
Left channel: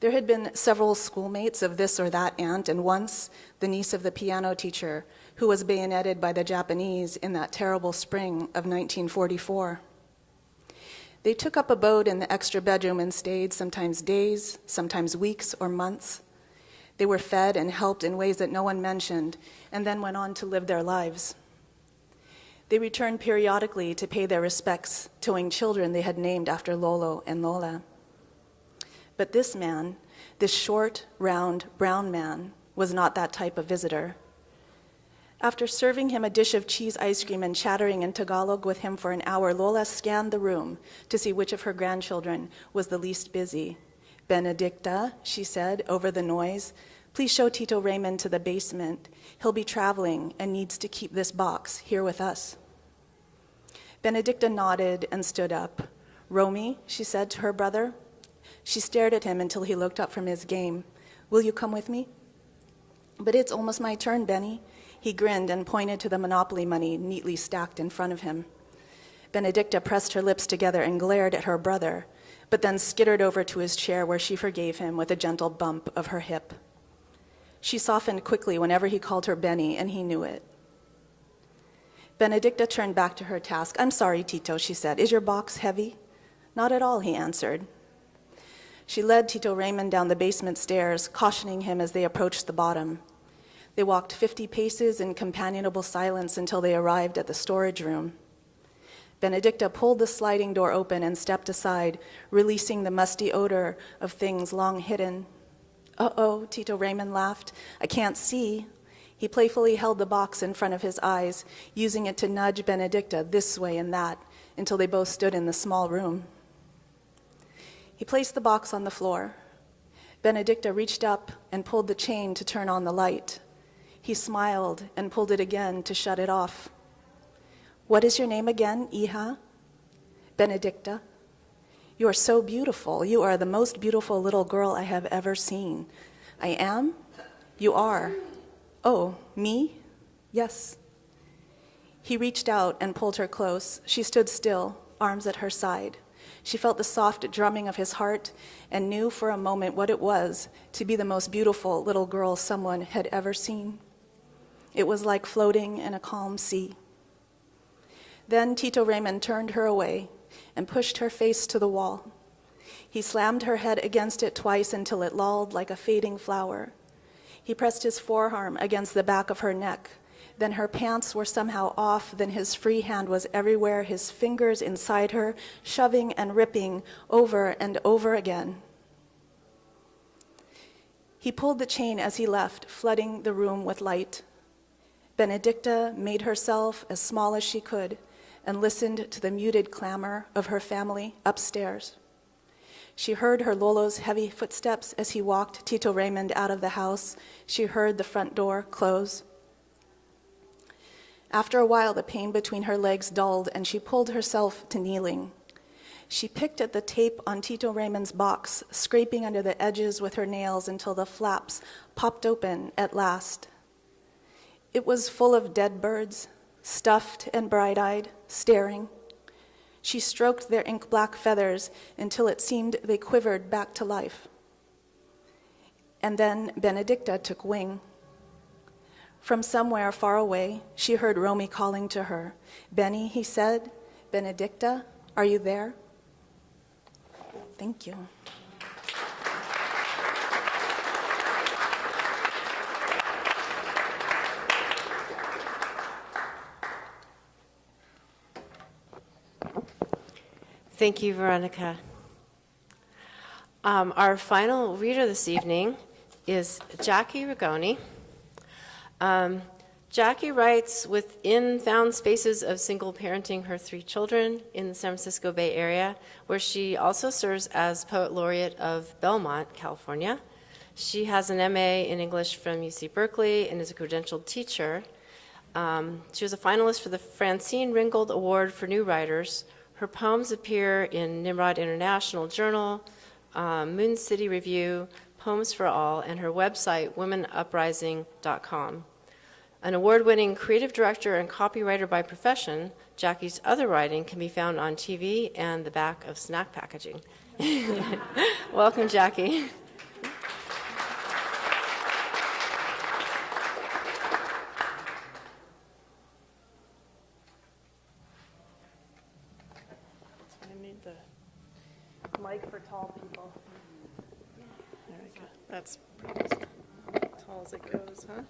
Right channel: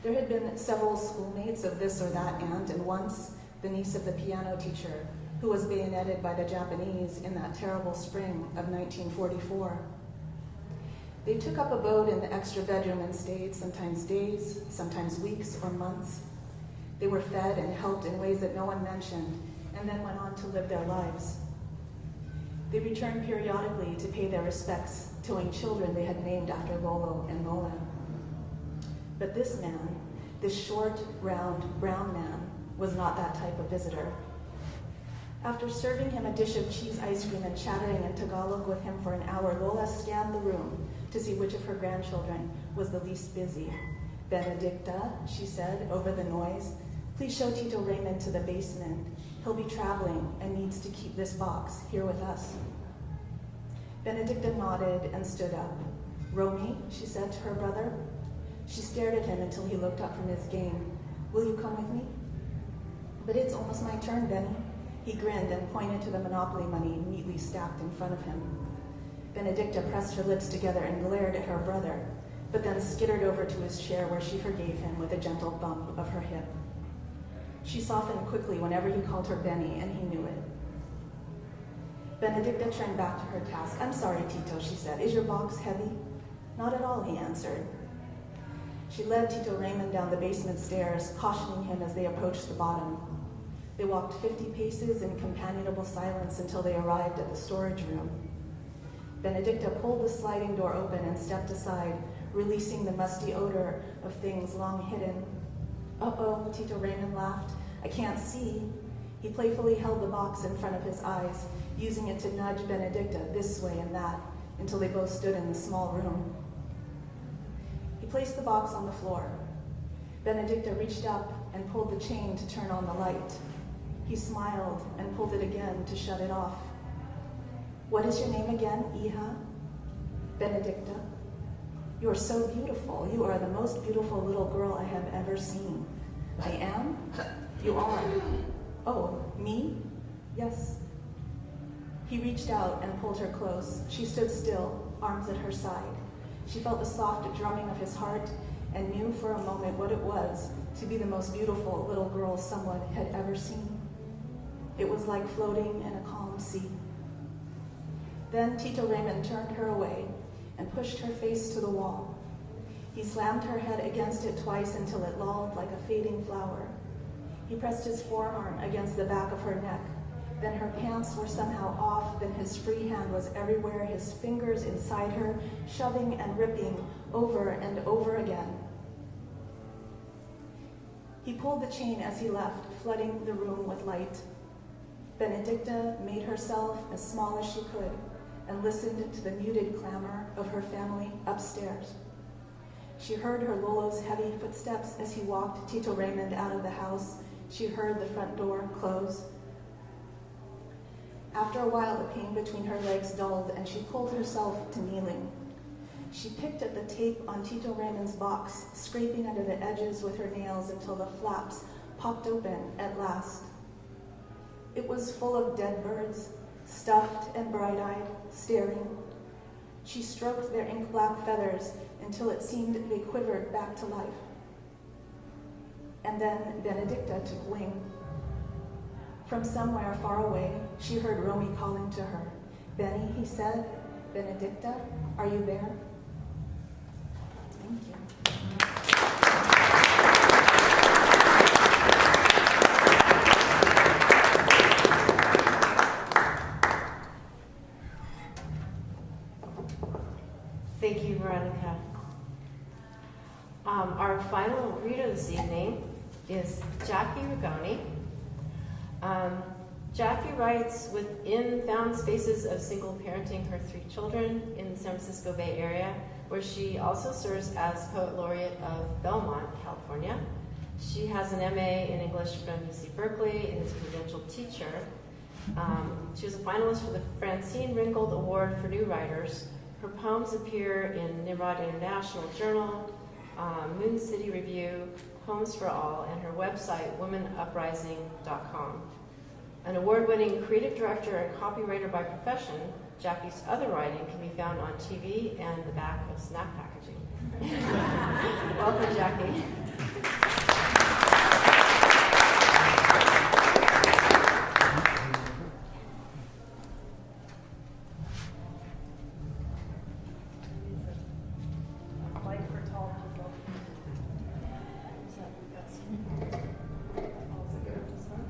There had been several schoolmates of this or that aunt, and once the niece of the piano teacher who was bayoneted by the Japanese in that terrible spring of 1944. They took up abode in the extra bedroom and stayed sometimes days, sometimes weeks or months. They were fed and helped in ways that no one mentioned, and then went on to live their lives. They returned periodically to pay their respects, towing children they had named after Lolo and Lola. But this man, this short, round, brown man, was not that type of visitor. After serving him a dish of cheese ice cream and chattering in Tagalog with him for an hour, Lola scanned the room to see which of her grandchildren was the least busy. Benedicta, she said over the noise, please show Tito Raymond to the basement. He'll be traveling and needs to keep this box here with us. Benedicta nodded and stood up. Romy, she said to her brother. She stared at him until he looked up from his game. Will you come with me? But it's almost my turn, Benny. He grinned and pointed to the Monopoly money neatly stacked in front of him. Benedicta pressed her lips together and glared at her brother, but then skittered over to his chair where she forgave him with a gentle bump of her hip. She softened quickly whenever he called her Benny, and he knew it. Benedicta turned back to her task. "I'm sorry, Tito," she said. "Is your box heavy?" "Not at all," he answered. She led Tito Raymond down the basement stairs, cautioning him as they approached the bottom. They walked 50 paces in companionable silence until they arrived at the storage room. Benedicta pulled the sliding door open and stepped aside, releasing the musty odor of things long hidden. "Uh-oh," Tito Raymond laughed. "I can't see." He playfully held the box in front of his eyes, using it to nudge Benedicta this way and that, until they both stood in the small room. He placed the box on the floor. Benedicta reached up and pulled the chain to turn on the light. He smiled and pulled it again to shut it off. "What is your name again, hija?" "Benedicta." "You are so beautiful. You are the most beautiful little girl I have ever seen." "I am?" "You are." "Oh, me?" "Yes." He reached out and pulled her close. She stood still, arms at her side. She felt the soft drumming of his heart and knew for a moment what it was to be the most beautiful little girl someone had ever seen. It was like floating in a calm sea. Then Tito Raymond turned her away and pushed her face to the wall. He slammed her head against it twice until it lolled like a fading flower. He pressed his forearm against the back of her neck. Then her pants were somehow off, then his free hand was everywhere, his fingers inside her, shoving and ripping over and over again. He pulled the chain as he left, flooding the room with light. Benedicta made herself as small as she could and listened to the muted clamor of her family upstairs. She heard her Lolo's heavy footsteps as he walked Tito Raymond out of the house. She heard the front door close. After a while, the pain between her legs dulled, and she pulled herself to kneeling. She picked at the tape on Tito Raymond's box, scraping under the edges with her nails until the flaps popped open at last. It was full of dead birds, stuffed and bright-eyed, staring. She stroked their ink-black feathers until it seemed they quivered back to life. And then Benedicta took wing. From somewhere far away, she heard Romy calling to her. "Benny," he said. "Benedicta, are you there?" Thank you. Thank you, Veronica. Our final reader this evening is Jacki Rigoni. Jacki writes within found spaces of single parenting her 3 children in the San Francisco Bay Area, where she also serves as Poet Laureate of Belmont, California. She has an MA in English from UC Berkeley and is a credentialed teacher. She was a finalist for the Francine Ringgold Award for New Writers. Her poems appear in Nimrod International Journal, Moon City Review, Poems for All, and her website, womenuprising.com. An award-winning creative director and copywriter by profession, Jacki's other writing can be found on TV and the back of snack packaging. Welcome, Jacki. That's tall as it goes, huh?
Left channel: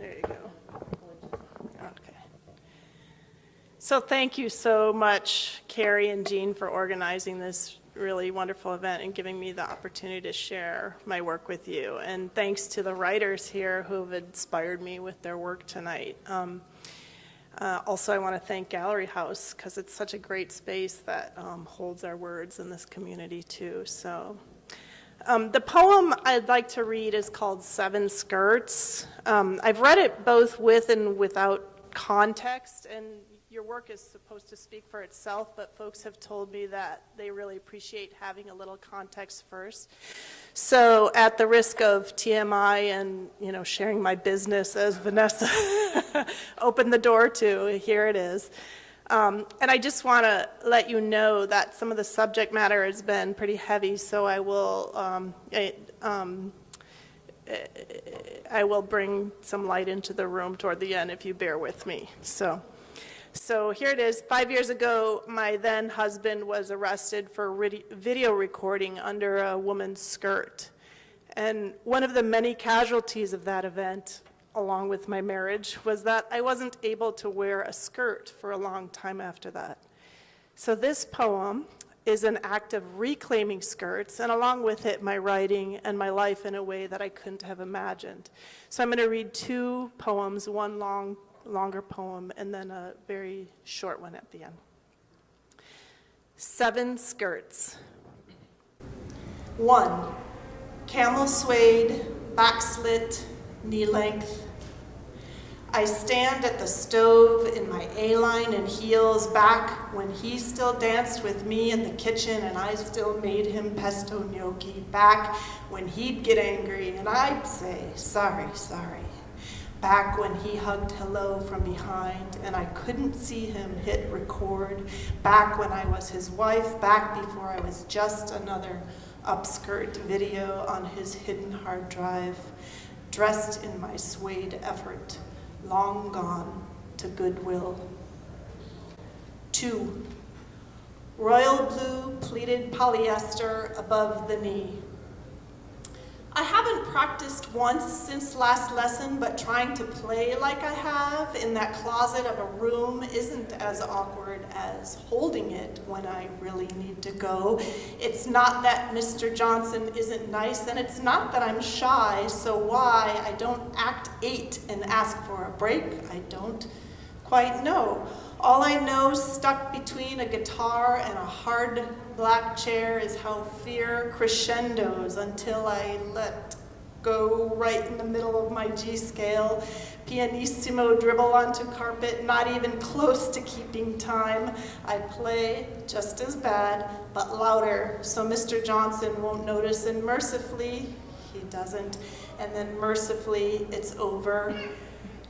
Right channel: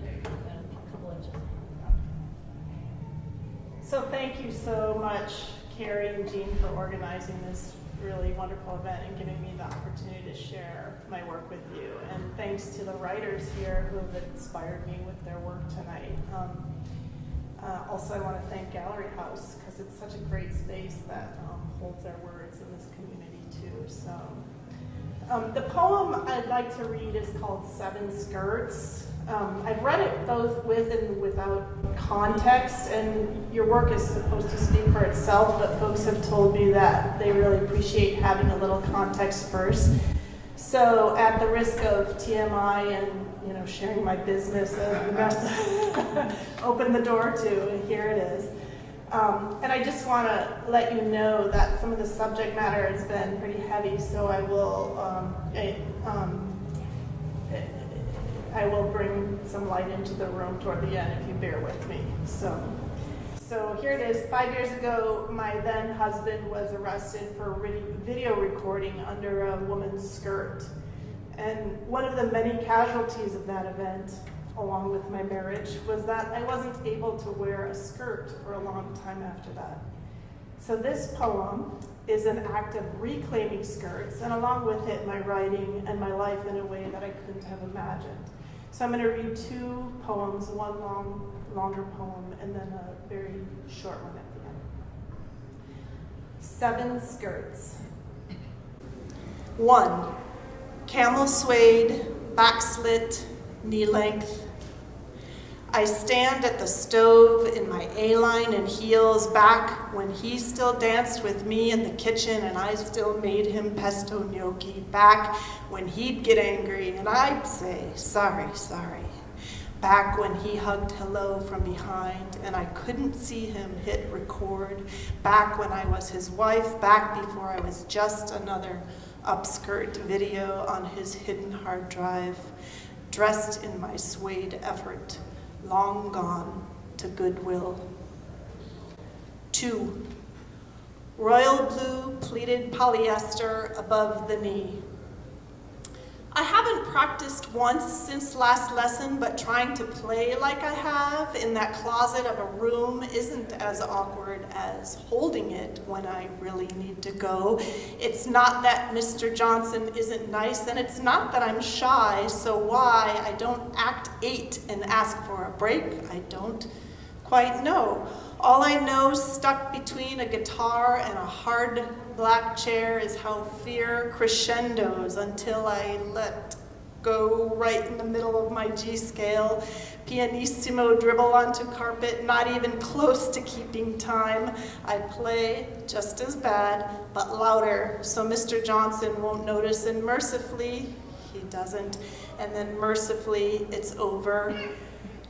There you go. Okay. So thank you so much, Carrie and Jean, for organizing this really wonderful event and giving me the opportunity to share my work with you. And thanks to the writers here who have inspired me with their work tonight. Also, I want to thank Gallery House because it's such a great space that holds our words in this community too. So, the poem I'd like to read is called 7 Skirts. I've read it both with and without context, and your work is supposed to speak for itself, but folks have told me that they really appreciate having a little context first. So at the risk of TMI and sharing my business as Vanessa opened the door to, here it is. And I just want to let you know that some of the subject matter has been pretty heavy, so I will bring some light into the room toward the end if you bear with me. So here it is. 5 years ago, my then husband was arrested for video recording under a woman's skirt. And one of the many casualties of that event, along with my marriage, was that I wasn't able to wear a skirt for a long time after that. So this poem is an act of reclaiming skirts, and along with it, my writing and my life in a way that I couldn't have imagined. So I'm going to read 2 poems, one longer poem, and then a very short one at the end. 7 skirts. 1. Camel suede, back slit, knee length. I stand at the stove in my A-line and heels back when he still danced with me in the kitchen and I still made him pesto gnocchi, back when he'd get angry and I'd say, sorry, sorry. Back when he hugged hello from behind and I couldn't see him hit record. Back when I was his wife, back before I was just another upskirt video on his hidden hard drive. Dressed in my suede effort, long gone to Goodwill. 2. Royal blue pleated polyester above the knee. I haven't practiced once since last lesson, but trying to play like I have in that closet of a room isn't as awkward as holding it when I really need to go. It's not that Mr. Johnson isn't nice, and it's not that I'm shy, so why I don't act 8 and ask for a break, I don't quite know. All I know, stuck between a guitar and a hard black chair, is how fear crescendos until I let go right in the middle of my G scale. Pianissimo dribble onto carpet, not even close to keeping time. I play just as bad, but louder, so Mr. Johnson won't notice, and mercifully, he doesn't. And then mercifully, it's over.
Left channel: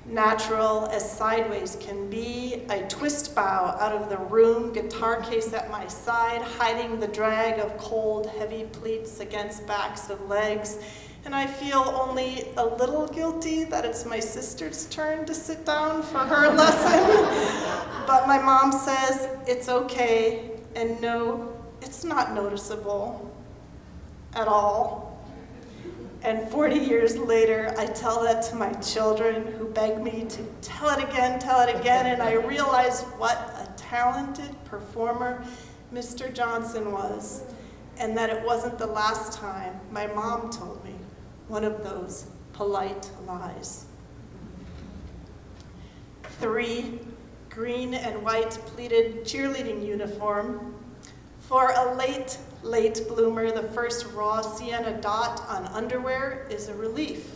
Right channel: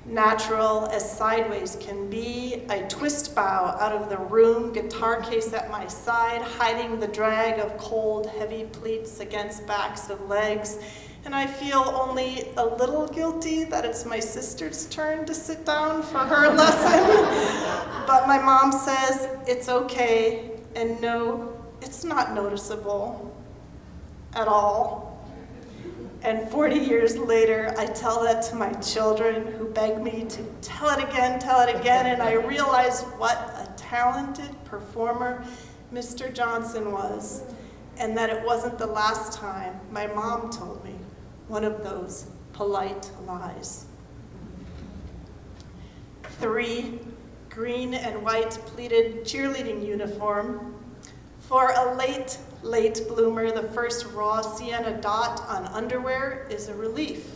Natural as sideways can be, I twist bow out of the room, guitar case at my side, hiding the drag of cold, heavy pleats against backs of legs. And I feel only a little guilty that it's my sister's turn to sit down for her lesson. But my mom says it's okay, and no, it's not noticeable at all. And 40 years later, I tell that to my children who beg me to tell it again, and I realize what a talented performer Mr. Johnson was, and that it wasn't the last time my mom told me one of those polite lies. 3, green and white pleated cheerleading uniform. For a late bloomer, the first raw sienna dot on underwear is a relief.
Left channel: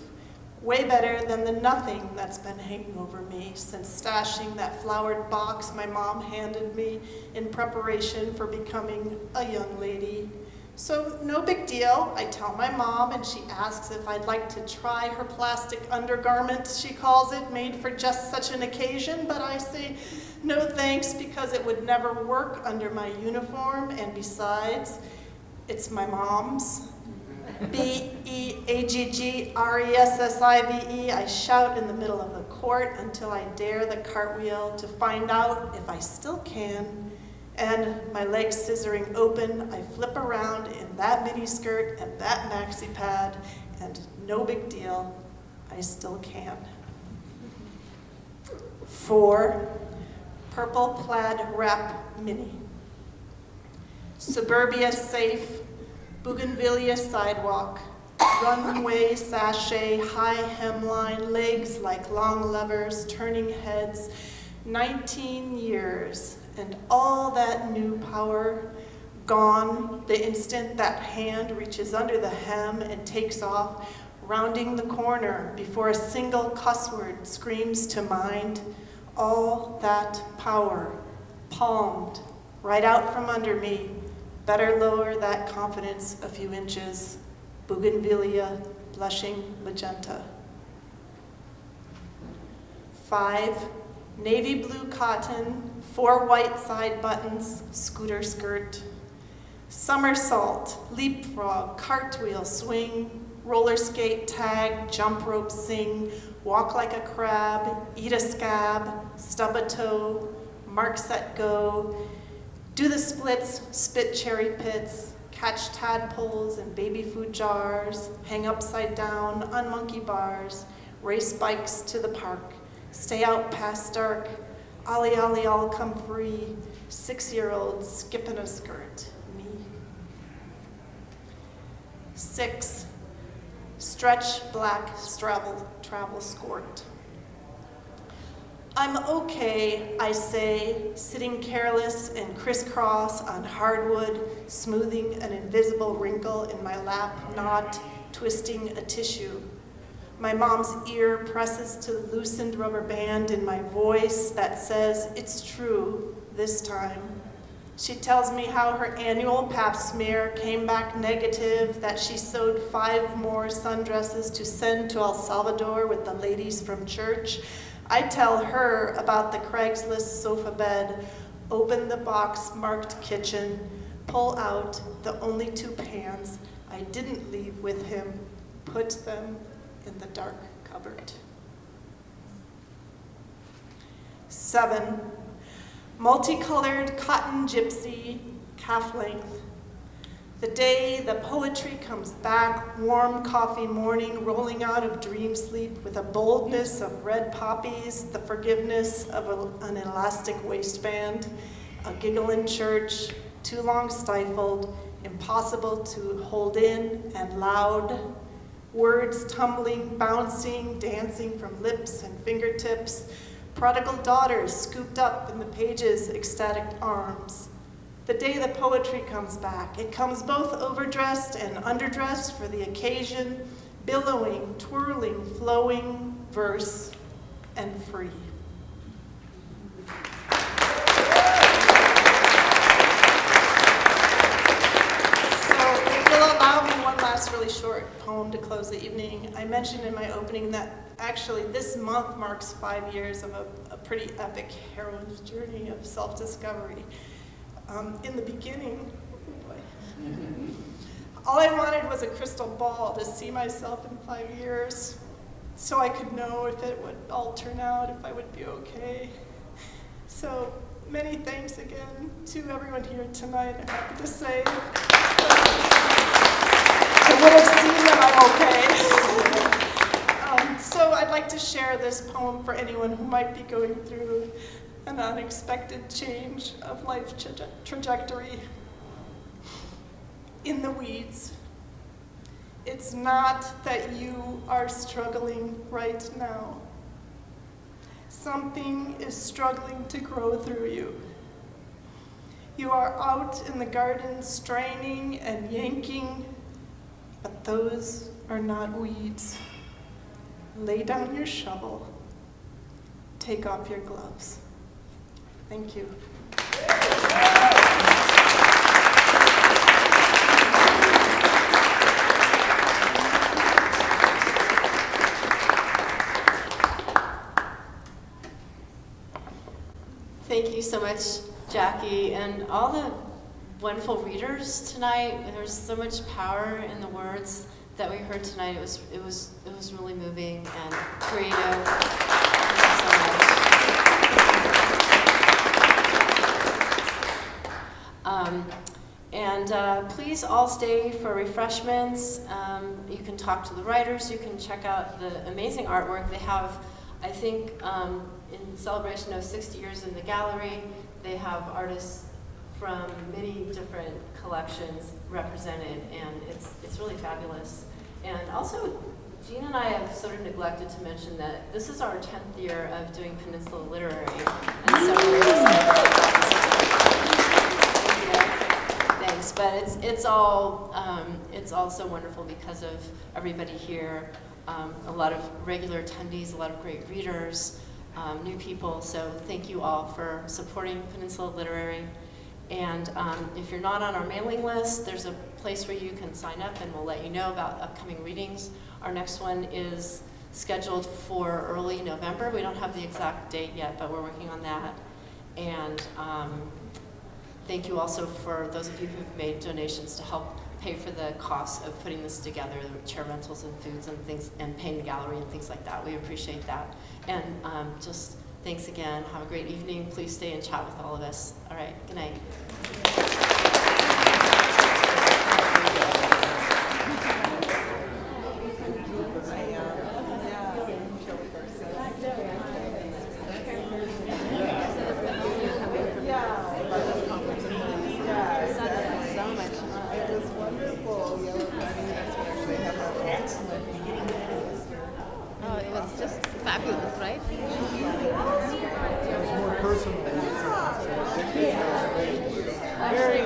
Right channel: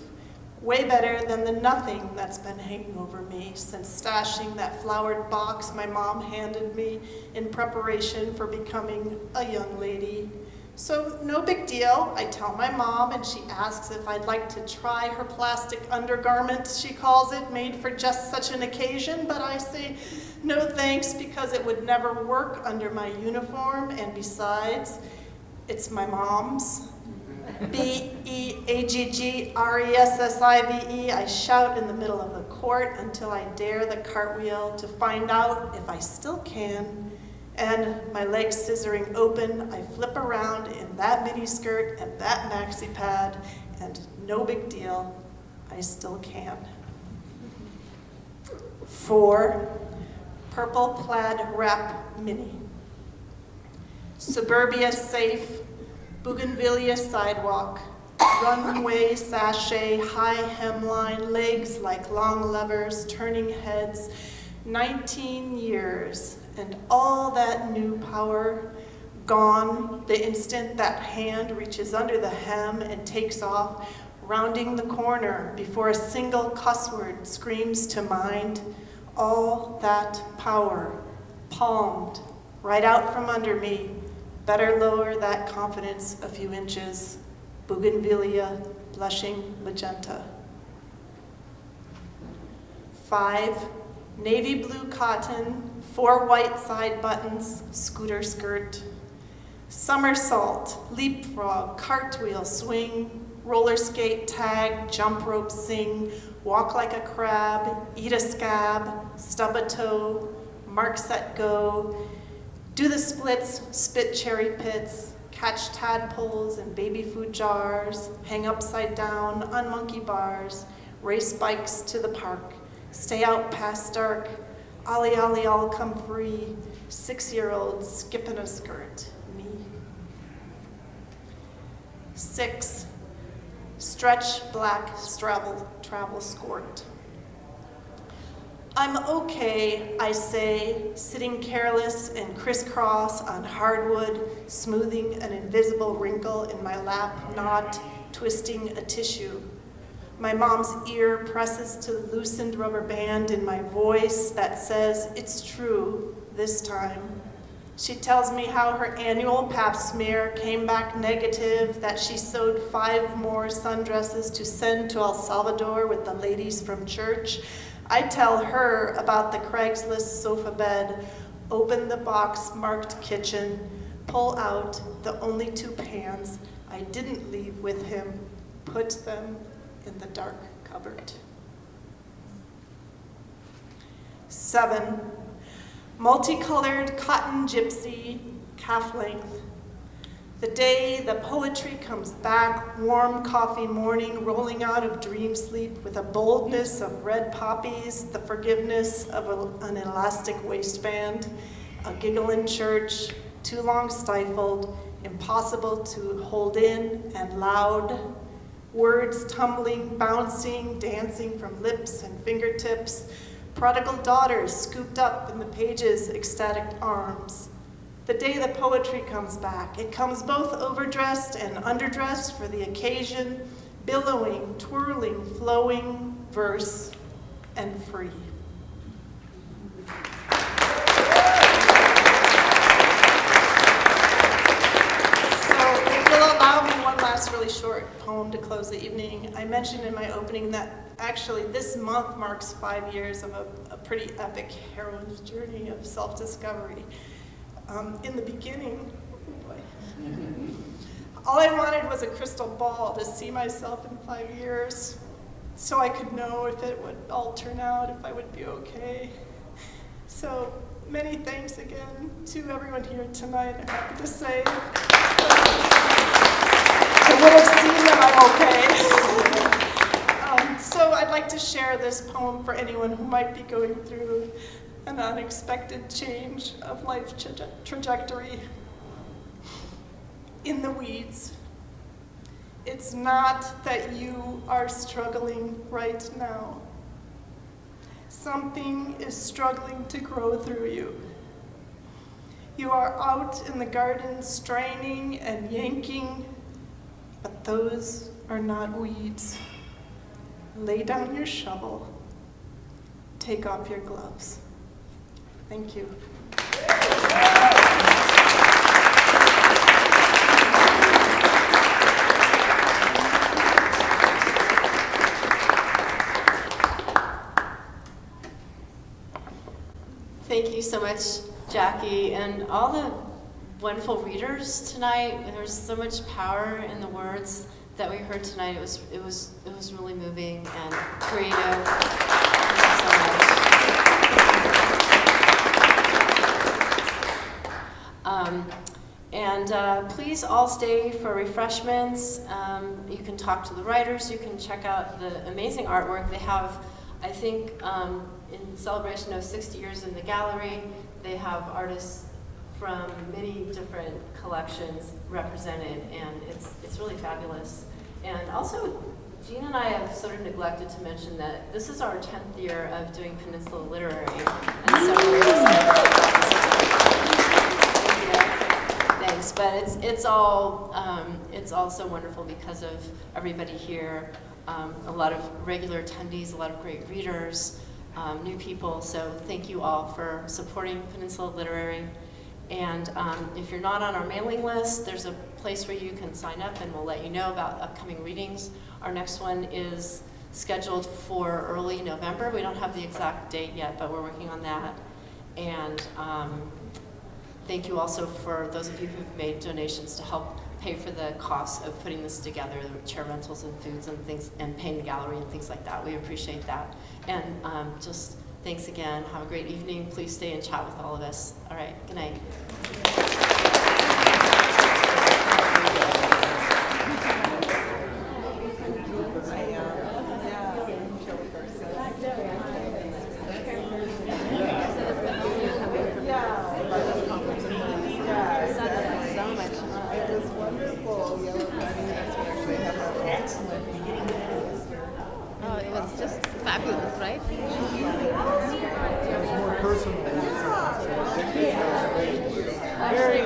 Way better than the nothing that's been hanging over me since stashing that flowered box my mom handed me in preparation for becoming a young lady. So no big deal, I tell my mom, and she asks if I'd like to try her plastic undergarment, she calls it, made for just such an occasion, but I say, no thanks, because it would never work under my uniform, and besides, it's my mom's. Beaggressive, I shout in the middle of the court until I dare the cartwheel to find out if I still can. And my legs scissoring open, I flip around in that miniskirt and that maxi pad, and no big deal, I still can. 4, purple plaid wrap mini. Suburbia safe, bougainvillea sidewalk, runway sachet, high hemline, legs like long levers, turning heads, 19 years. And all that new power gone the instant that hand reaches under the hem and takes off, rounding the corner before a single cuss word screams to mind. All that power palmed right out from under me. Better lower that confidence a few inches. Bougainvillea, blushing magenta. 5, navy blue cotton, 4 white side buttons, scooter skirt. Somersault, leapfrog, cartwheel, swing, roller skate, tag, jump rope, sing, walk like a crab, eat a scab, stub a toe, mark, set, go, do the splits, spit cherry pits, catch tadpoles in baby food jars, hang upside down on monkey bars, race bikes to the park, stay out past dark, ollie ollie all come free, 6-year-old skipping a skirt, me. 6, stretch black travel skirt. I'm okay, I say, sitting careless and crisscross on hardwood, smoothing an invisible wrinkle in my lap, not twisting a tissue. My mom's ear presses to the loosened rubber band in my voice that says, it's true, this time. She tells me how her annual pap smear came back negative, that she sewed 5 more sundresses to send to El Salvador with the ladies from church. I tell her about the Craigslist sofa bed, open the box marked kitchen, pull out the only 2 pans I didn't leave with him, put them in the dark cupboard. 7, multicolored cotton gypsy, calf length. The day the poetry comes back, warm coffee morning, rolling out of dream sleep with a boldness of red poppies, the forgiveness of an elastic waistband, a giggle in church, too long stifled, impossible to hold in, and loud, words tumbling, bouncing, dancing from lips and fingertips, prodigal daughters scooped up in the pages' ecstatic arms. The day the poetry comes back, it comes both overdressed and underdressed for the occasion, billowing, twirling, flowing, verse, and free. So if you'll allow me one last really short poem to close the evening. I mentioned in my opening that actually this month marks 5 years of a pretty epic heroine's journey of self-discovery. In the beginning, all I wanted was a crystal ball to see myself in 5 years so I could know if it would all turn out, if I would be okay. So many thanks again to everyone here tonight. I'm happy to say I would have seen that I'm okay. So I'd like to share this poem for anyone who might be going through an unexpected change of life trajectory. In the weeds. It's not that you are struggling right now. Something is struggling to grow through you. You are out in the garden straining and yanking, but those are not weeds. Lay down your shovel. Take off your gloves. Thank you. Thank you so much, Jacki, and all the wonderful readers tonight. There's so much power in the words that we heard tonight. It was really moving and creative. Thank you so much. Please all stay for refreshments. You can talk to the writers. You can check out the amazing artwork they have. I think in celebration of 60 years in the gallery, they have artists from many different collections represented, and it's really fabulous. And also, Jean and I have sort of neglected to mention that this is our 10th year of doing Peninsula Literary, and so we're excited about this. Thanks, but it's all so wonderful because of everybody here. A lot of regular attendees, a lot of great readers, new people. So thank you all for supporting Peninsula Literary. And if you're not on our mailing list, there's a place where you can sign up and we'll let you know about upcoming readings. Our next one is scheduled for early November. We don't have the exact date yet, but we're working on that. And thank you also for those of you who've made donations to help pay for the cost of putting this together, the chair rentals and foods and things, and paying the gallery and things like that. We appreciate that. And just thanks again. Have a great evening. Please stay and chat with all of us. All right, good night. Oh, it was just fabulous, right? It was more personal. Very